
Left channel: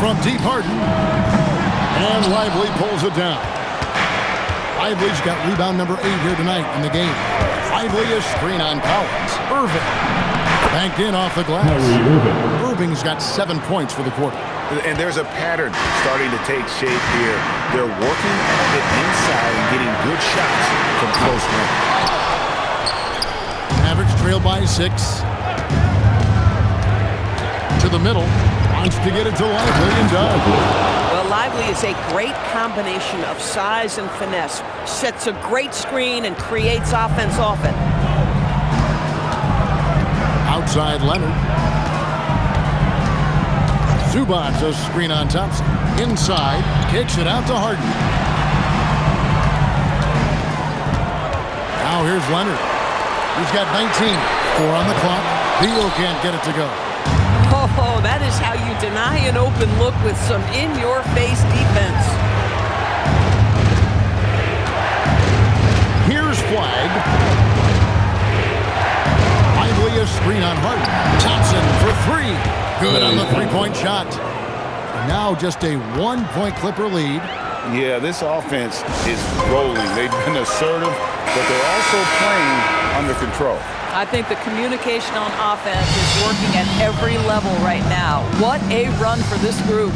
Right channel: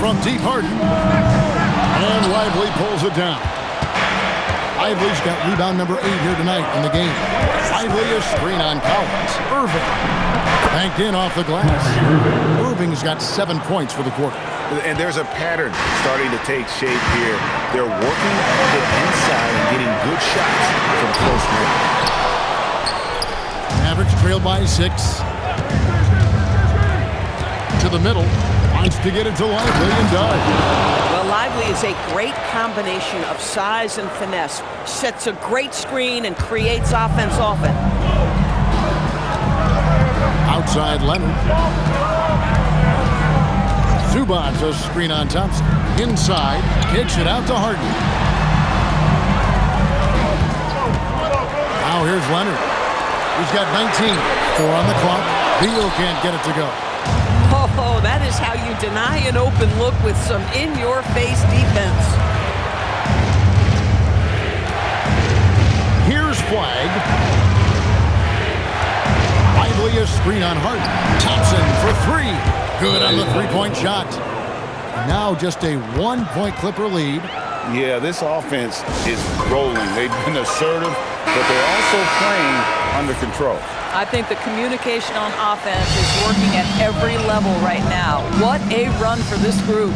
From deep, Harden. And Lively pulls it down. Lively's got rebound number 8 here tonight in the game. Lively is screen on Collins. Irving. Banked in off the glass. Irving's got 7 points for the quarter. And there's a pattern starting to take shape here. They're working it inside and getting good shots from close range. Mavericks trail by 6. To the middle. Wants to get it to Lively and does. Well, Lively is a great combination of size and finesse. Sets a great screen and creates offense often. Outside Leonard. Zubac's a screen on Thompson. Inside, kicks it out to Harden. Now here's Leonard. He's got 19. 4 on the clock. Beal can't get it to go. Oh, that is how you deny an open look with some in-your-face defense. Here's Flag. Lively a screen on Harden. Thompson for 3. Good on the 3-point shot. Now just a 1-point Clipper lead. Yeah, this offense is rolling. They've been assertive, but they're also playing under control. I think the communication on offense is working at every level right now. What a run for this group.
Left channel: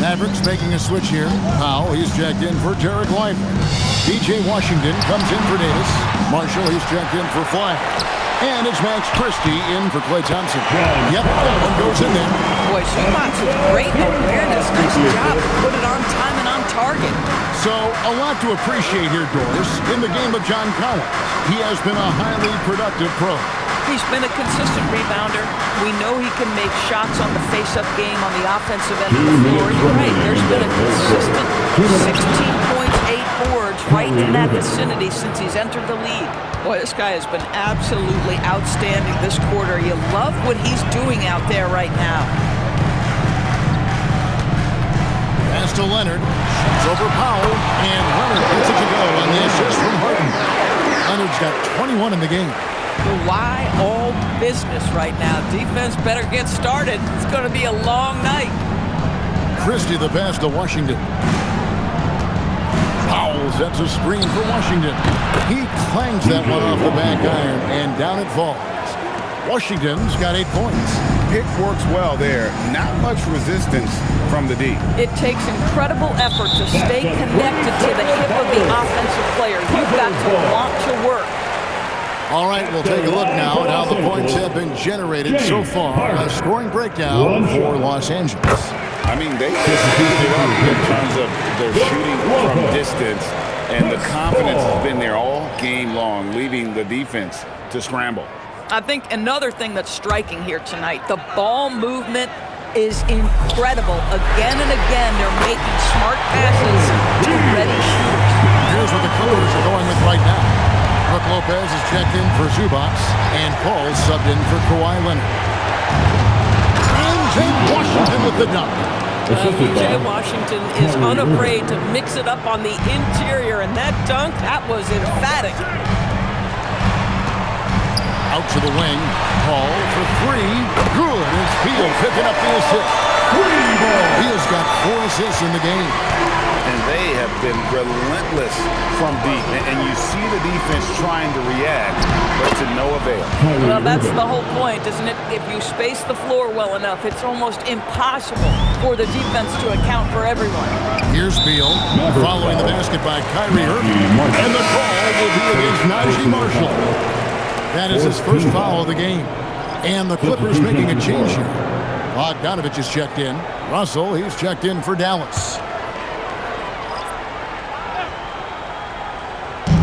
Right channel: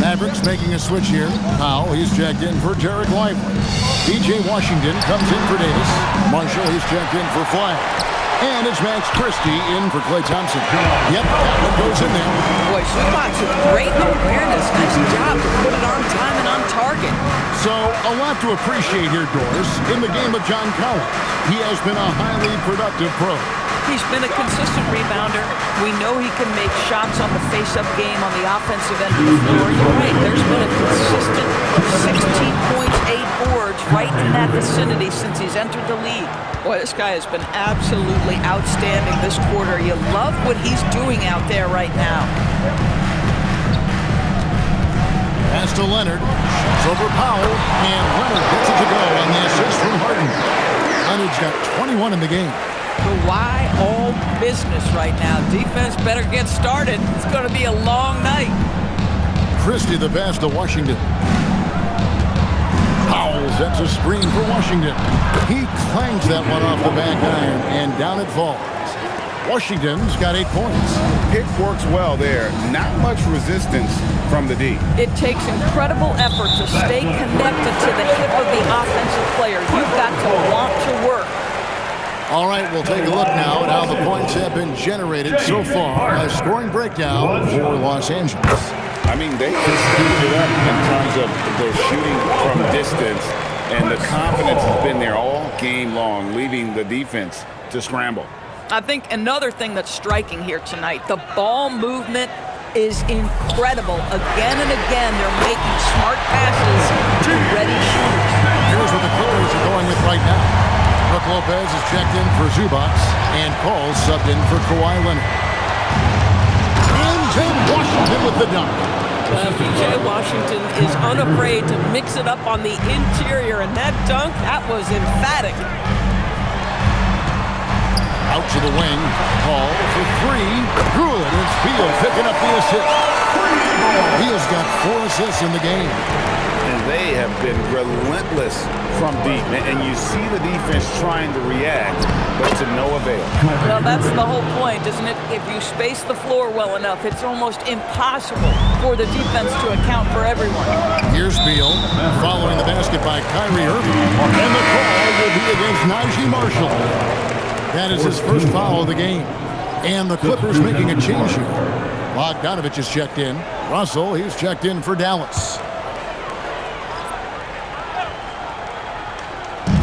Mavericks making a switch here. Powell, he's checked in for Derek Lively. B.J. Washington comes in for Davis. Marshall, he's checked in for Flag. And it's Max Christie in for Klay Thompson. Yep, that one goes in there. Boy, Zubac with great awareness. Nice job to put it on time and on target. So, a lot to appreciate here, Doris. In the game of John Collins, he has been a highly productive pro. He's been a consistent rebounder. We know he can make shots on the face-up game on the offensive end of the floor. You're right. There's been a consistent 16 points, 8 boards right in that vicinity since he's entered the league. Boy, this guy has been absolutely outstanding this quarter. You love what he's doing out there right now. Pass to Leonard. Shoots over Powell. And Leonard gets it to to go on the assist from Harden. Leonard's got 21 in the game. Kawhi all business right now. Defense better get started. It's going to be a long night. Christie the pass to Washington. Powell sets a screen for Washington. He clangs that one off the back iron, and down it falls. Washington's got 8 points. Pick works well there. Not much resistance from the D. It takes incredible effort to stay connected to the hip of the offensive player. You've got to want to work. All right, we'll take a look now at how the points have been generated so far. A scoring breakdown for Los Angeles. I mean, they just stepped it up in terms of their shooting from distance, and the confidence has been there all game long, leaving the defense to scramble. I think another thing that's striking here tonight, the ball movement is incredible. Again and again, they're making smart passes to ready shooters. Here's what the Clippers are going with right now. Brook Lopez is checked in for Zubac, and Paul subbed in for Kawhi Leonard. And then Washington with the dunk. PJ Washington is unafraid to mix it up on the interior, and that dunk, that was emphatic. Out to the wing. Paul for 3. Good. It's Beal picking up the assist. Beal's got 4 assists in the game. And they have been relentless from deep. And you see the defense trying to react, but to no avail. Well, that's the whole point, isn't it? If you space the floor well enough, it's almost impossible for the defense to account for everyone. Here's Beal following the basket by Kyrie Irving. And the call will be against Najee Marshall. That is his first foul of the game. And the Clippers making a change here. Bogdanovich is checked in. Russell, he's checked in for Dallas.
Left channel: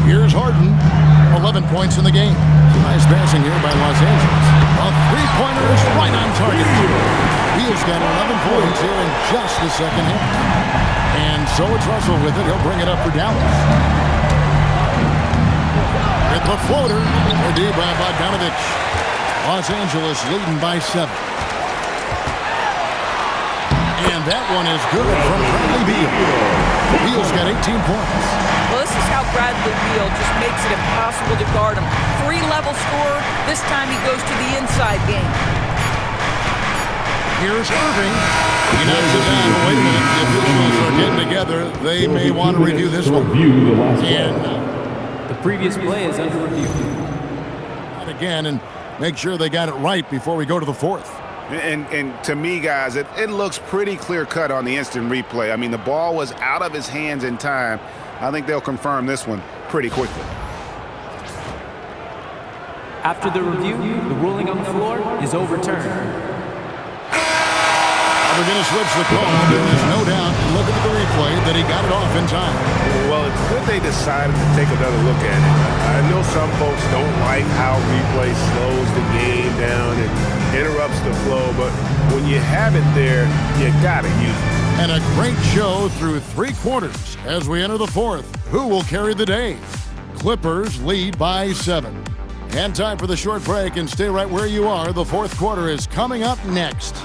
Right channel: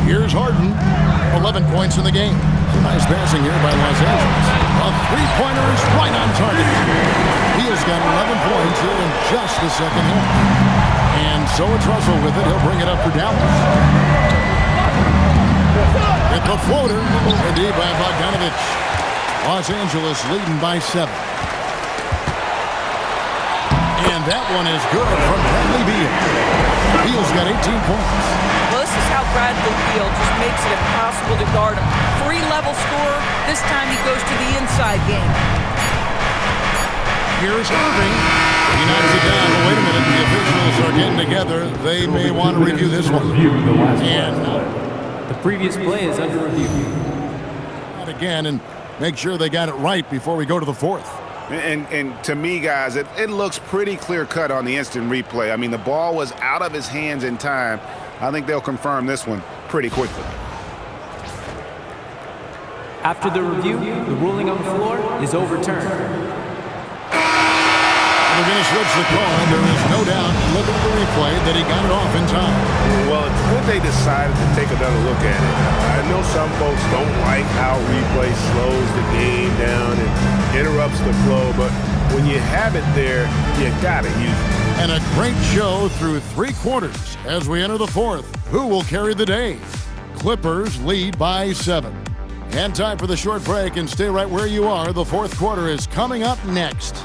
Here's Harden. 11 points in the game. Some nice passing here by Los Angeles. A three-pointer is right on target. Beal's got 11 points here in just the second half. And so it's Russell with it. He'll bring it up for Dallas. With the floater, a D by Bogdanovich. Los Angeles leading by 7. And that one is good from Bradley Beal. Beal's got 18 points. Well, this is how Bradley Beal just makes it impossible to guard him. 3-level scorer. This time he goes to the inside game. Here's Irving. He knocks it down. But wait a minute. The officials are getting together. They may want to review this one. And the previous play is under review. Again, and make sure they got it right before we go to the fourth. And to me, guys, it looks pretty clear-cut on the instant replay. I mean, the ball was out of his hands in time. I think they'll confirm this one pretty quickly. After the review, the ruling on the floor is overturned. They're going to switch the call. There is no doubt, looking at the replay, that he got it off in time. Well, it's good they decided to take another look at it. I know some folks don't like how replay slows the game down and interrupts the flow, but when you have it there, you got to use it. And a great show through 3 quarters as we enter the fourth. Who will carry the day? Clippers lead by 7. And time for the short break, and stay right where you are. The fourth quarter is coming up next.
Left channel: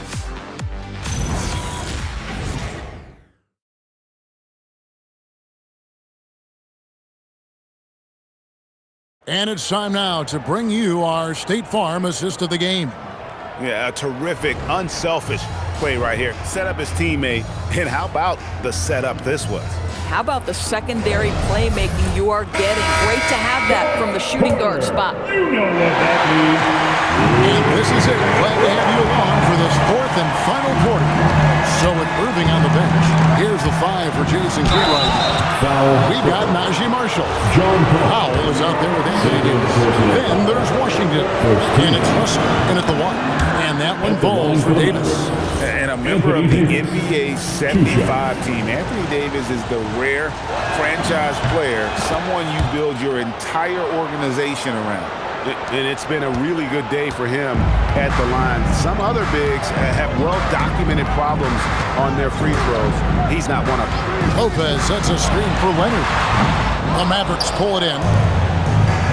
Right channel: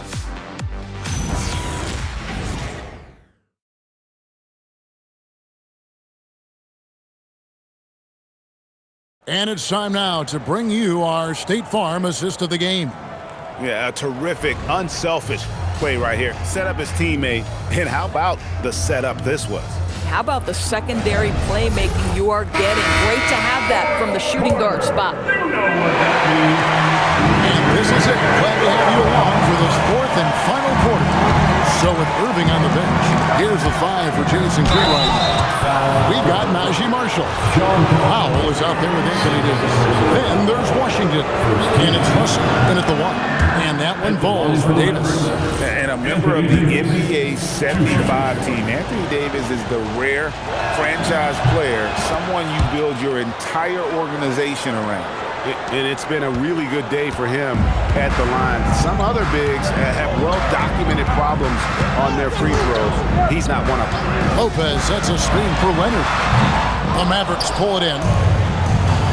And it's time now to bring you our State Farm assist of the game. Yeah, a terrific, unselfish play right here. Set up his teammate, and how about the setup this was? How about the secondary playmaking you are getting? Great to have that from the shooting guard spot. You know what that means. And this is it. Glad to have you along for this fourth and final quarter. So with Irving on the bench, here's the 5 for Jason Kidd right now. We've got Najee Marshall. Powell is out there with Anthony Davis. Then there's Washington. And it's Russell in at the 1. And that one falls for Davis. And a member of the NBA 75 team. Anthony Davis is the rare franchise player, someone you build your entire organization around. And it's been a really good day for him at the line. Some other bigs have well-documented problems on their free throws. He's not one of them. Lopez sets a screen for Leonard. The Mavericks pull it in.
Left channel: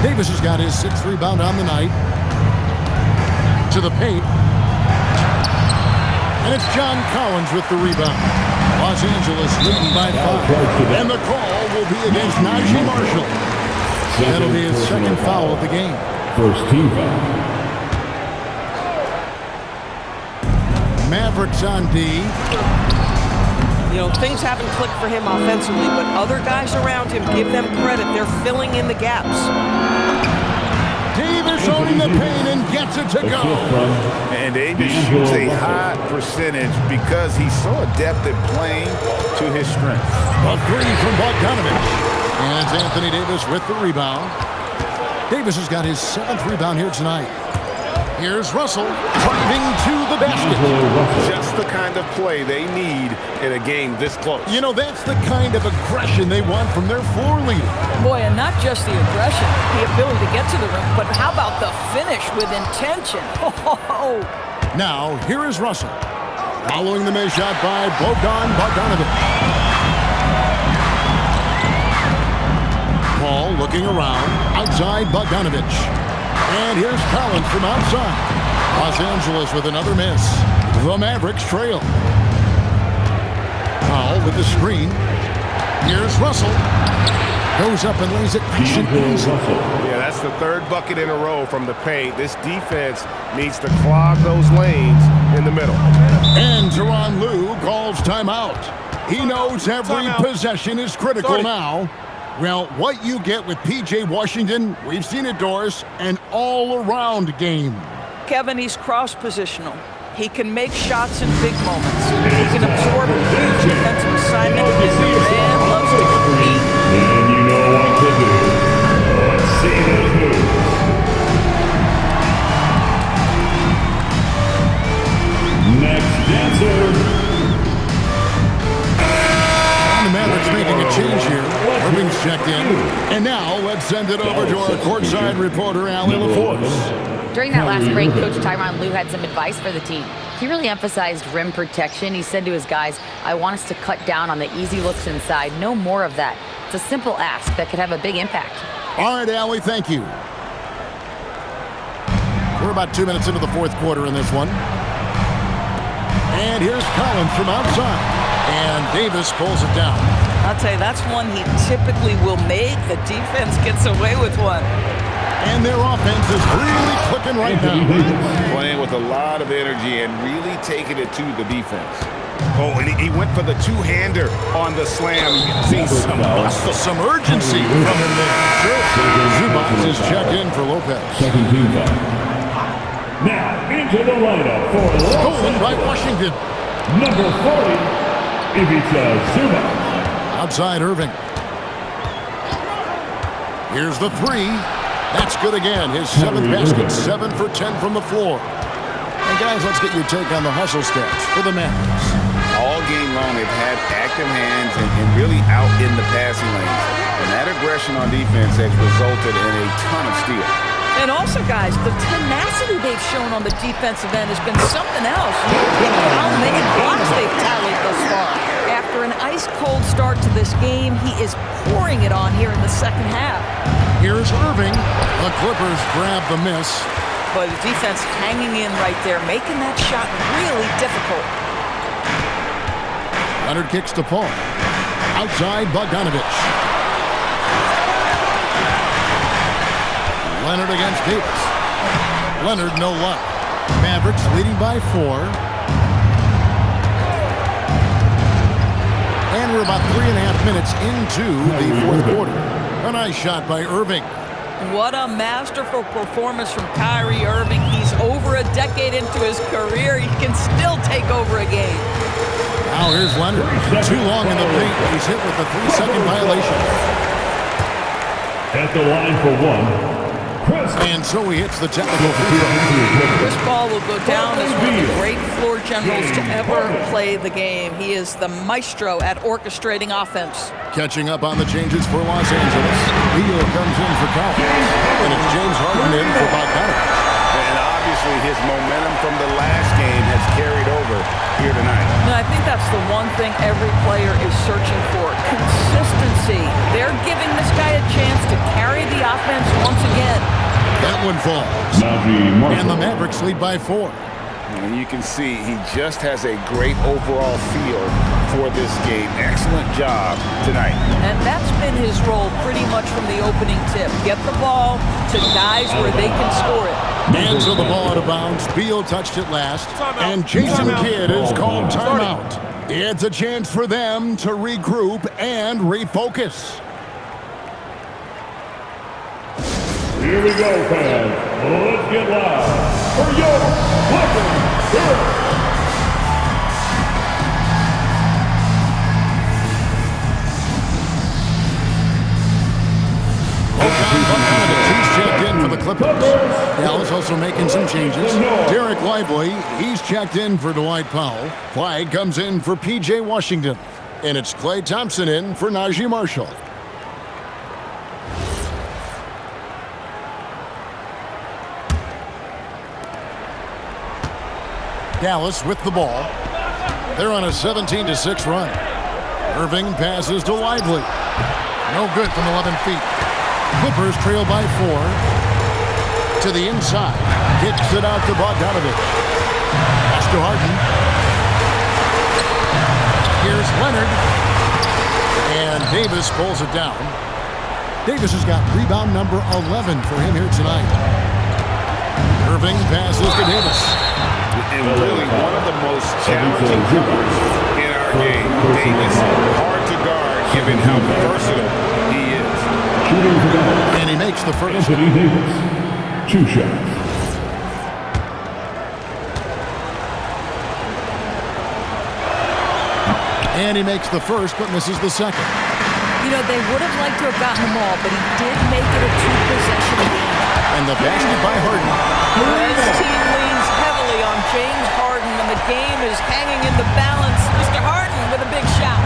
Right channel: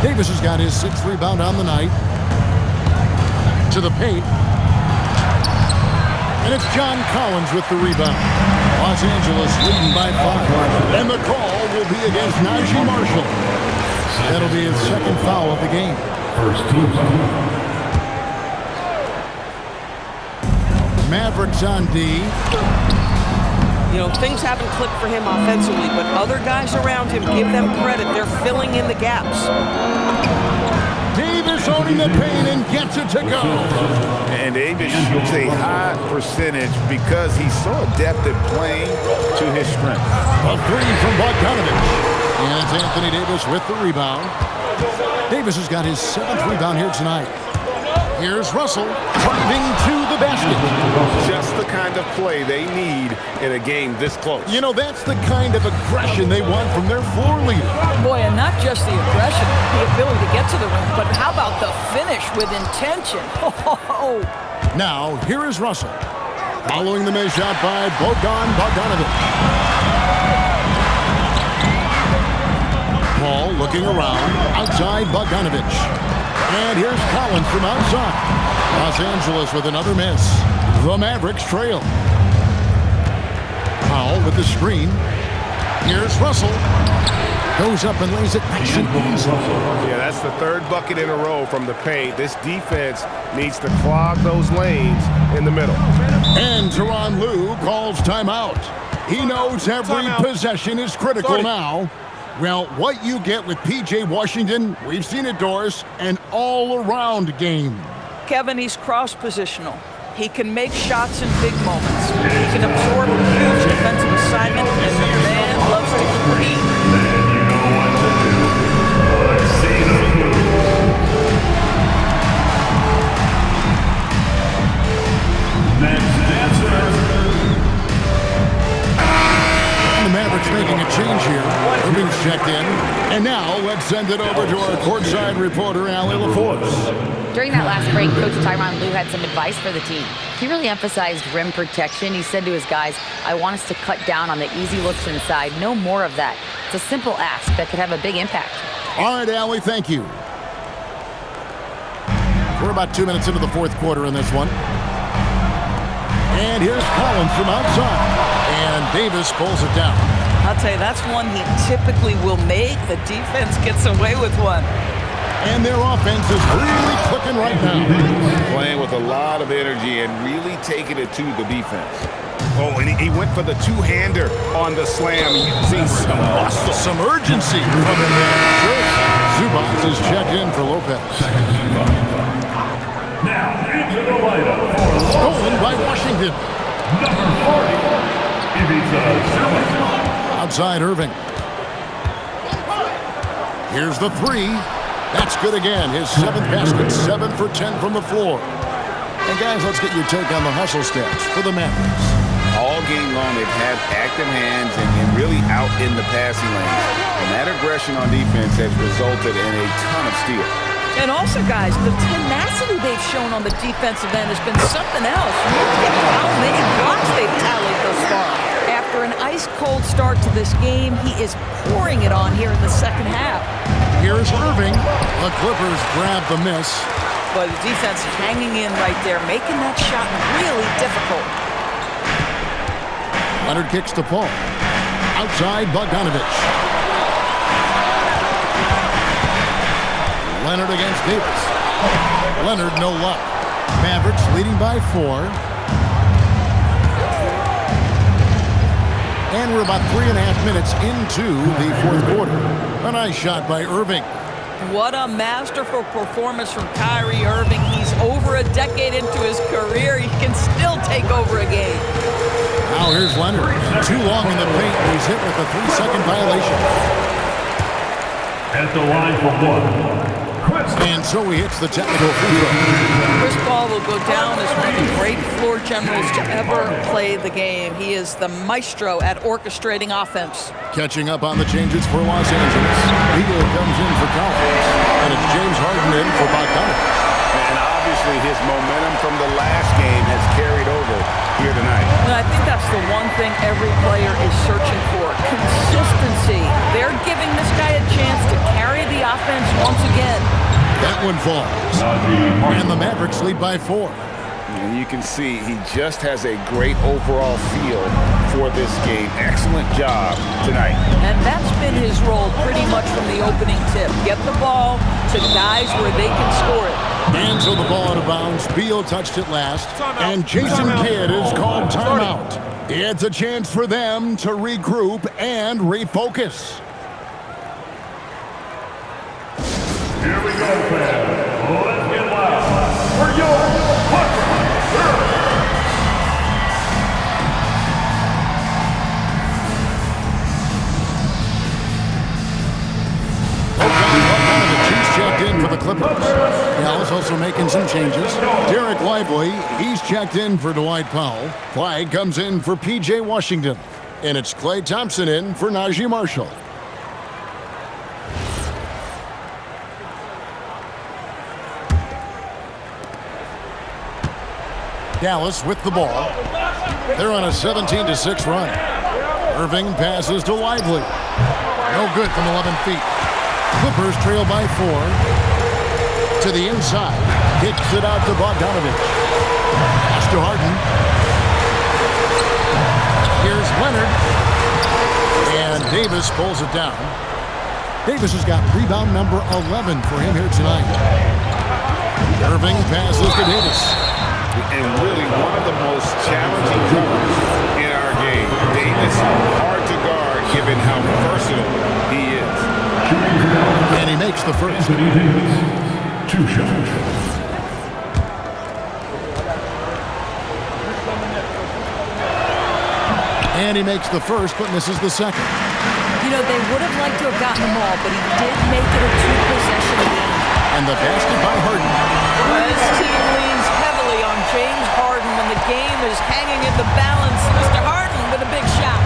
Davis has got his 6th rebound on the night. To the paint. And it's John Collins with the rebound. Los Angeles leading by 5. And the call will be against Najee Marshall. That'll be his second foul of the game. First team foul. Mavericks on D. You know, things haven't clicked for him offensively, but other guys around him, give them credit. They're filling in the gaps. Davis owning the paint and gets it to go. And Davis shoots a high percentage because he's so adept at playing to his strength. A three from Bogdanovich. And it's Anthony Davis with the rebound. Davis has got his 7th rebound here tonight. Here's Russell driving to the basket. Just the kind of play they need in a game this close. You know, that's the kind of aggression they want from their floor leader. Boy, and not just the aggression, the ability to get to the rim, but how about the finish with intention? Now, here is Russell. Following the miss shot by Bogdanovich. Paul looking around. Outside Bogdanovich. And here's Collins from outside. Los Angeles with another miss. The Mavericks trail. Powell with the screen. Here's Russell. Goes up and lays it nice and easy. Yeah, that's the 3rd bucket in a row from the paint. This defense needs to clog those lanes in the middle. And Tyronn Lue calls timeout. He knows every possession is critical now. Well, what you get with P.J. Washington, we've seen it, Doris, an all-around game. Kevin, he's cross-positional. He can make shots in big moments. He can absorb a huge defensive assignment, and the man loves to compete. Then you know what to do. Let's see those moves. Next dancer. The Mavericks making a change here. Irving's checked in. And now let's send it over to our courtside reporter, Allie LaForce. During that last break, Coach Tyronn Lue had some advice for the team. He really emphasized rim protection. He said to his guys, I want us to cut down on the easy looks inside. No more of that. It's a simple ask that could have a big impact. All right, Allie, thank you. We're about 2 minutes into the 4th quarter in this one. And here's Collins from outside. And Davis pulls it down. I'll tell you, that's one he typically will make. The defense gets away with one. And their offense is really clicking right now. Playing with a lot of energy and really taking it to the defense. Oh, and he went for the two-hander on the slam, using some muscle. Some urgency from him there. Sure. Zubac is checked in for Lopez. Second team foul. Now into the lineup for stolen by Washington. Number 40, Ivica Zubac. Outside Irving. Here's the three. That's good again. His 7th basket, 7 for 10 from the floor. And guys, let's get your take on the hustle stats for the Mavericks. All game long, they've had active hands and really out in the passing lanes. And that aggression on defense has resulted in a ton of steals. And also, guys, the tenacity they've shown on the defensive end has been something else. Look at how many blocks they've tallied thus far. After an ice-cold start to this game, he is pouring it on here in the second half. Here's Irving. The Clippers grab the miss. But the defense hanging in right there, making that shot really difficult. Leonard kicks to Paul. Outside Bogdanovich. Leonard against Davis. Leonard, no luck. Mavericks leading by 4. And we're about 3.5 minutes into the 4th quarter. A nice shot by Irving. What a masterful performance from Kyrie Irving. He's over a decade into his career. He can still take over a game. Now here's Leonard. Too long in the paint. He's hit with a 3-second violation. At the line for 1. And so he hits the technical free throw. Chris Paul will go down as one of the great floor generals to ever play the game. He is the maestro at orchestrating offense. Catching up on the changes for Los Angeles. Beal comes in for Collins. And it's James Harden in for Bogdanovich. And obviously his momentum from the last game has carried over here tonight. And I think that's the one thing every player is searching for. Consistency. They're giving this guy a chance to carry the offense once again. That one falls. And the Mavericks lead by 4. And you can see he just has a great overall feel for this game. Excellent job tonight. And that's been his role pretty much from the opening tip. Get the ball to guys where they can score it. Hands of the ball out of bounds. Beal touched it last. And Jason Kidd is called timeout. It's a chance for them to regroup and refocus. Here we go, fans. Let's get loud for your fucking hero. He's checked in for the Clippers. Dallas also making some changes. Derek Lively, he's checked in for Dwight Powell. Clyde comes in for P.J. Washington. And it's Klay Thompson in for Najee Marshall. Dallas with the ball. They're on a 17-6 run. Irving passes to Lively. No good from 11 feet. Clippers trail by 4. To the inside. Kicks it out to Bogdanovich. Pass to Harden. Here's Leonard. And Davis pulls it down. Davis has got rebound number 11 for him here tonight. Irving passes to Davis. And really one of the most challenging covers in our game. Davis, hard to guard given how versatile he is. And he makes the first. Anthony Davis, 2 shots. And he makes the first, but misses the second. You know, they would have liked to have gotten them all, but he did make it a 2-possession game. And the basket by Harden. This team leans heavily on James Harden when the game is hanging in the balance. Mr. Harden with a big shot.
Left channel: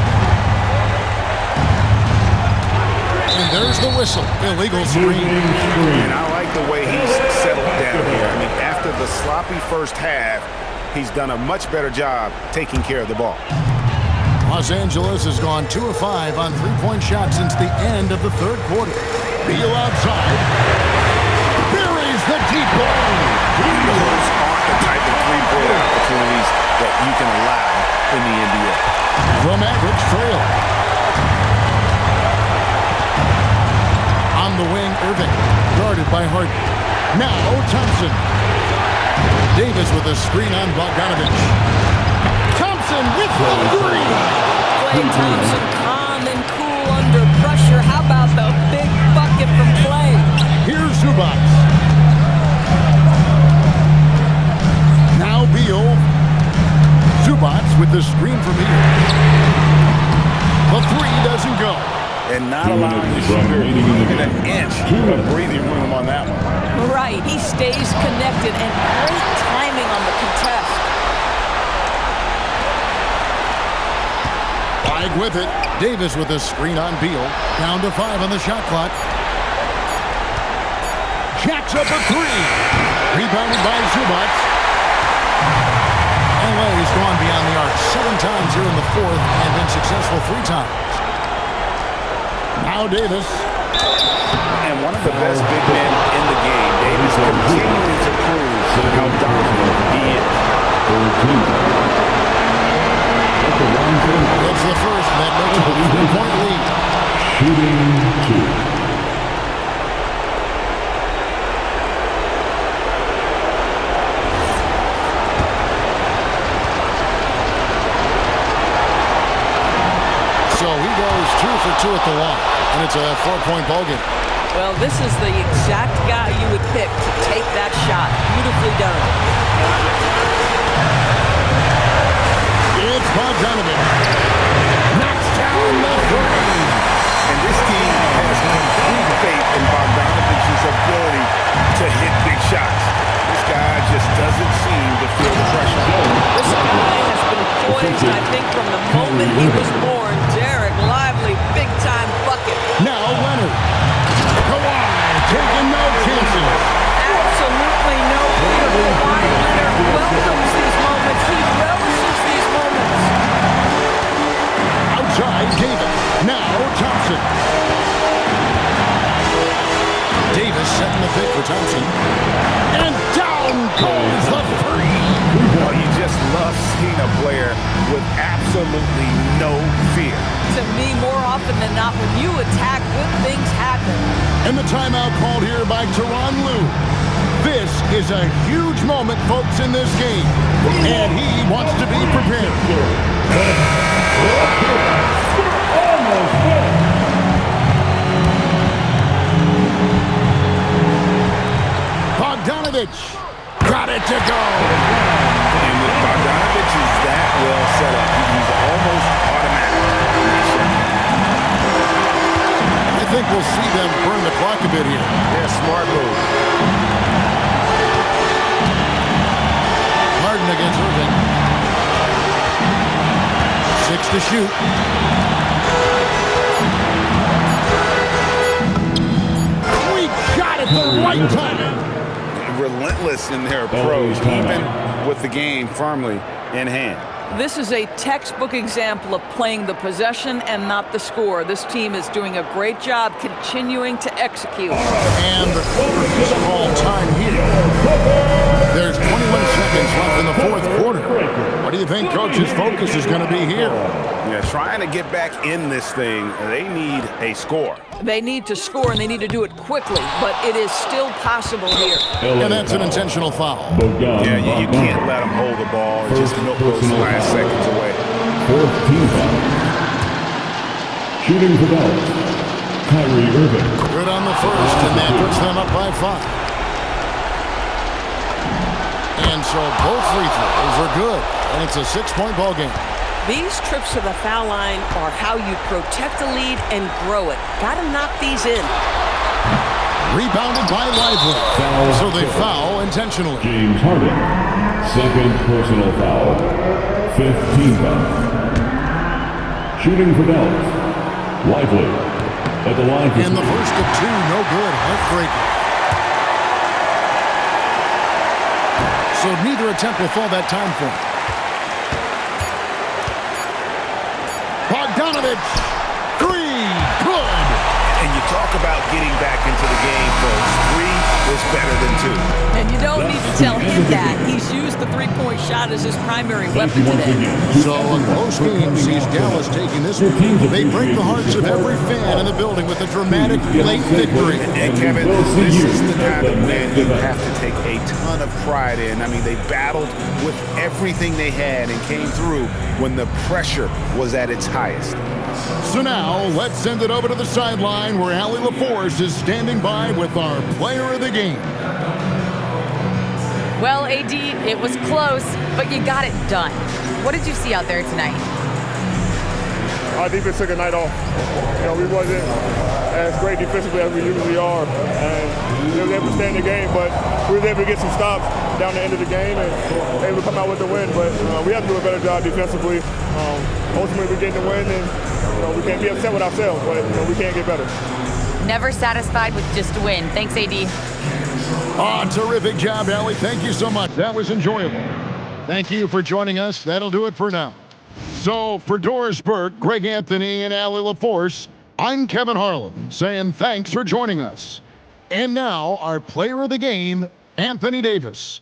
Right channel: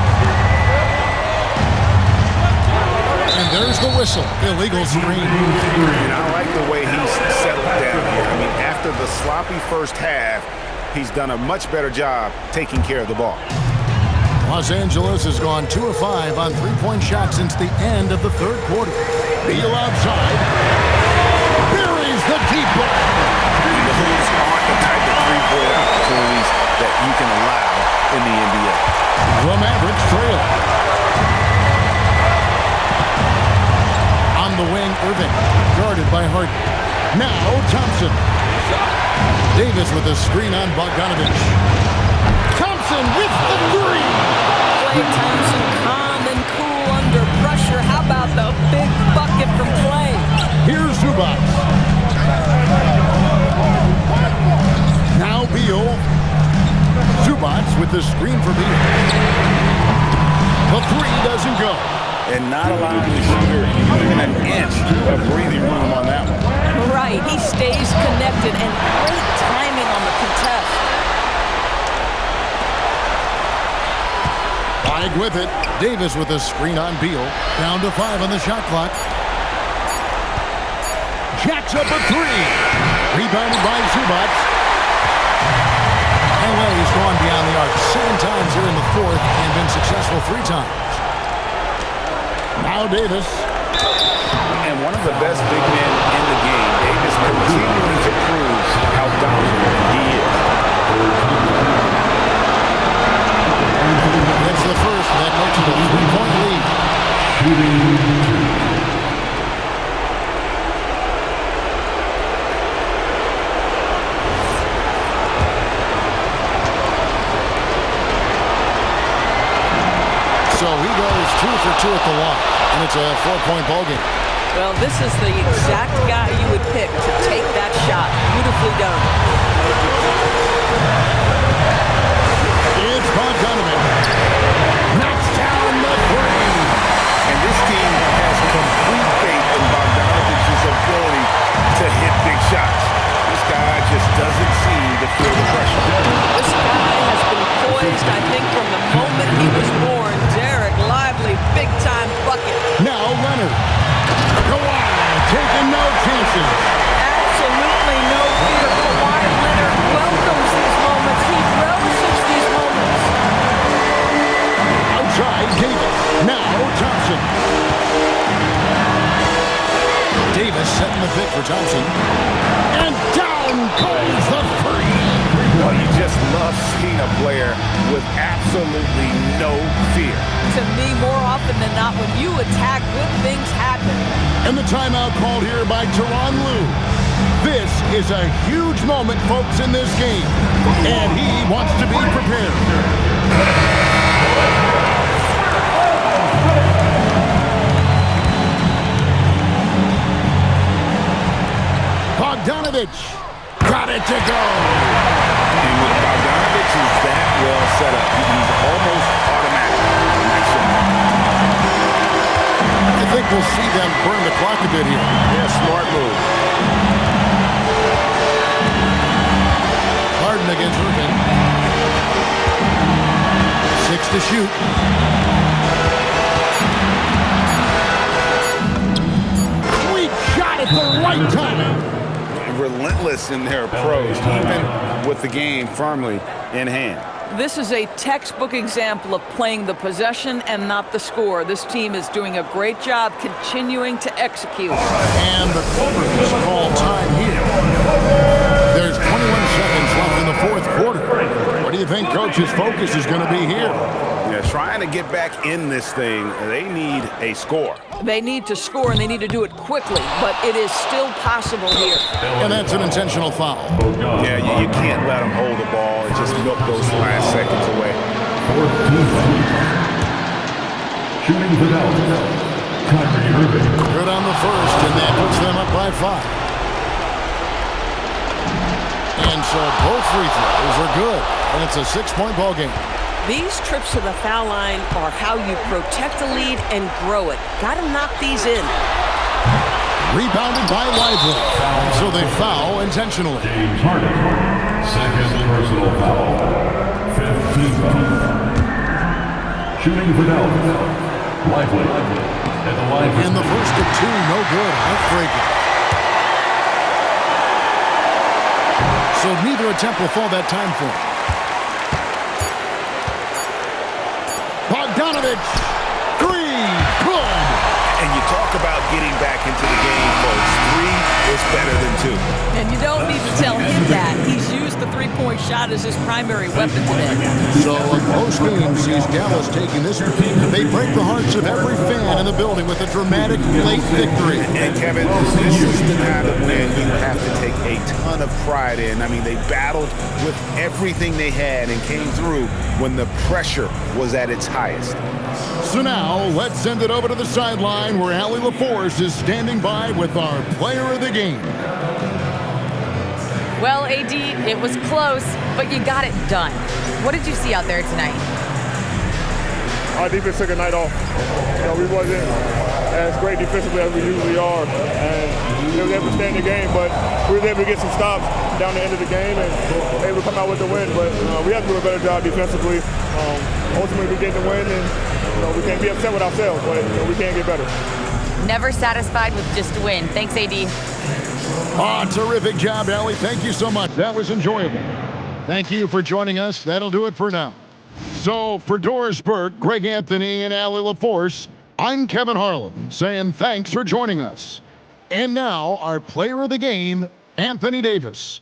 And there's the whistle. Illegal screen. And I like the way he's settled down here. I mean, after the sloppy first half, he's done a much better job taking care of the ball. Los Angeles has gone 2 of 5 on 3-point shots since the end of the third quarter. Beal outside. Buries the deep ball. And those aren't the type of three-point opportunities that you can allow in the NBA. The Mavericks trail. On the wing, Irving, guarded by Harden. Now Thompson. Davis with a screen on Bogdanovich. Thompson with the three. Klay Thompson calm and cool under pressure. How about the big bucket from Klay? Here's Zubac. Now Beal. Zubac with the screen for Beal. The three doesn't go. And not allowing the shooter even an inch of breathing room on that one. Right, he stays connected and great timing on the contest. Flag with it. Davis with a screen on Beal. Down to 5 on the shot clock. Jacks up a 3. Rebounded by Zubac. LA's gone beyond the arc 7 times here in the fourth and been successful 3 times. Now Davis. And one of the best big men in the game. Davis continuing to prove how dominant he is. It's the first, that makes it a 3-point lead. Shooting 2. So he goes 2 for 2 at the line, and it's a 4-point ball game. Well, this is the exact guy you would pick to take that shot. Beautifully done. It's Bogdanovich. Knocks down the 3. And this team has complete faith in Bogdanovich's ability to hit big shots. This guy just doesn't seem to feel the pressure. This guy has been poised, I think, from the moment he was born. Derek Lively, big-time bucket. Now Leonard. Kawhi taking no chances. Absolutely no fear. Kawhi Leonard welcomes these moments. He relishes these moments. Outside, Davis. Now Thompson. Davis setting the pick for Thompson. And down goes the 3. Oh, you just love seeing a player with absolutely no fear. To me, more often than not, when you attack, good things happen. And the timeout called here by Tyronn Lue. This is a huge moment, folks, in this game. And he wants to be prepared. Bogdanovich got it to go. And with Bogdanovich is that well set up, he's almost automatic. Nice shot. I think we'll see them burn the clock a bit here. Yeah, smart move. Harden against Irving. 6 to shoot. Sweet shot at the right time. Relentless in their approach, even with the game firmly in hand. This is a textbook example of playing the possession and not the score. This team is doing a great job continuing to execute. And the quarter is called time here. There's 21 seconds left in the fourth quarter. What do you think Coach's focus is going to be here? Yeah, trying to get back in this thing, they need a score. They need to score, and they need to do it quickly, but it is still possible here. And that's an intentional foul. Yeah, you can't let them hold the ball and just milk those last seconds away. Fourth team foul. Shooting for Dallas, Kyrie Irving. Good on the first, and that puts them up by 5. And so both free throws are good, and it's a 6-point ball game. These trips to the foul line are how you protect a lead and grow it. Got to knock these in. Rebounded by Lively. So they foul intentionally. James Harden, second personal foul. Fifth team foul. Shooting for Dallas, Lively at the line. And the first of 2, no good. Heartbreaker. So neither attempt will fall that time for him. Bogdanovich, 3, good. And you talk about getting back into the game, folks. 3 is better than 2. And you don't need to tell him that. He's used the three-point shot as his primary weapon today. So a close game sees Dallas taking this one. They break the hearts of every fan in the building with a dramatic late victory. And Kevin, this is the kind of win you have to take a ton of pride in. I mean, they battled with everything they had and came through when the pressure was at its highest. So now, let's send it over to the sideline where Allie LaForce is standing by with our player of the game. Well, AD, it was close, but you got it done. What did you see out there tonight? Our defense took a night off. We wasn't as great defensively as we usually are, and we were able to stay in the game, but we were able to get some stops down the end of the game and able to come out with the win. But we have to do a better job defensively. Ultimately, we're getting the win, and we can't be upset with ourselves, but we can't get better. Never satisfied with just a win. Thanks, AD. Terrific job, Allie. Thank you so much. That was enjoyable. Thank you for joining us. That'll do it for now. So for Doris Burke, Greg Anthony, and Allie LaForce, I'm Kevin Harlan saying thanks for joining us. And now our player of the game, Anthony Davis.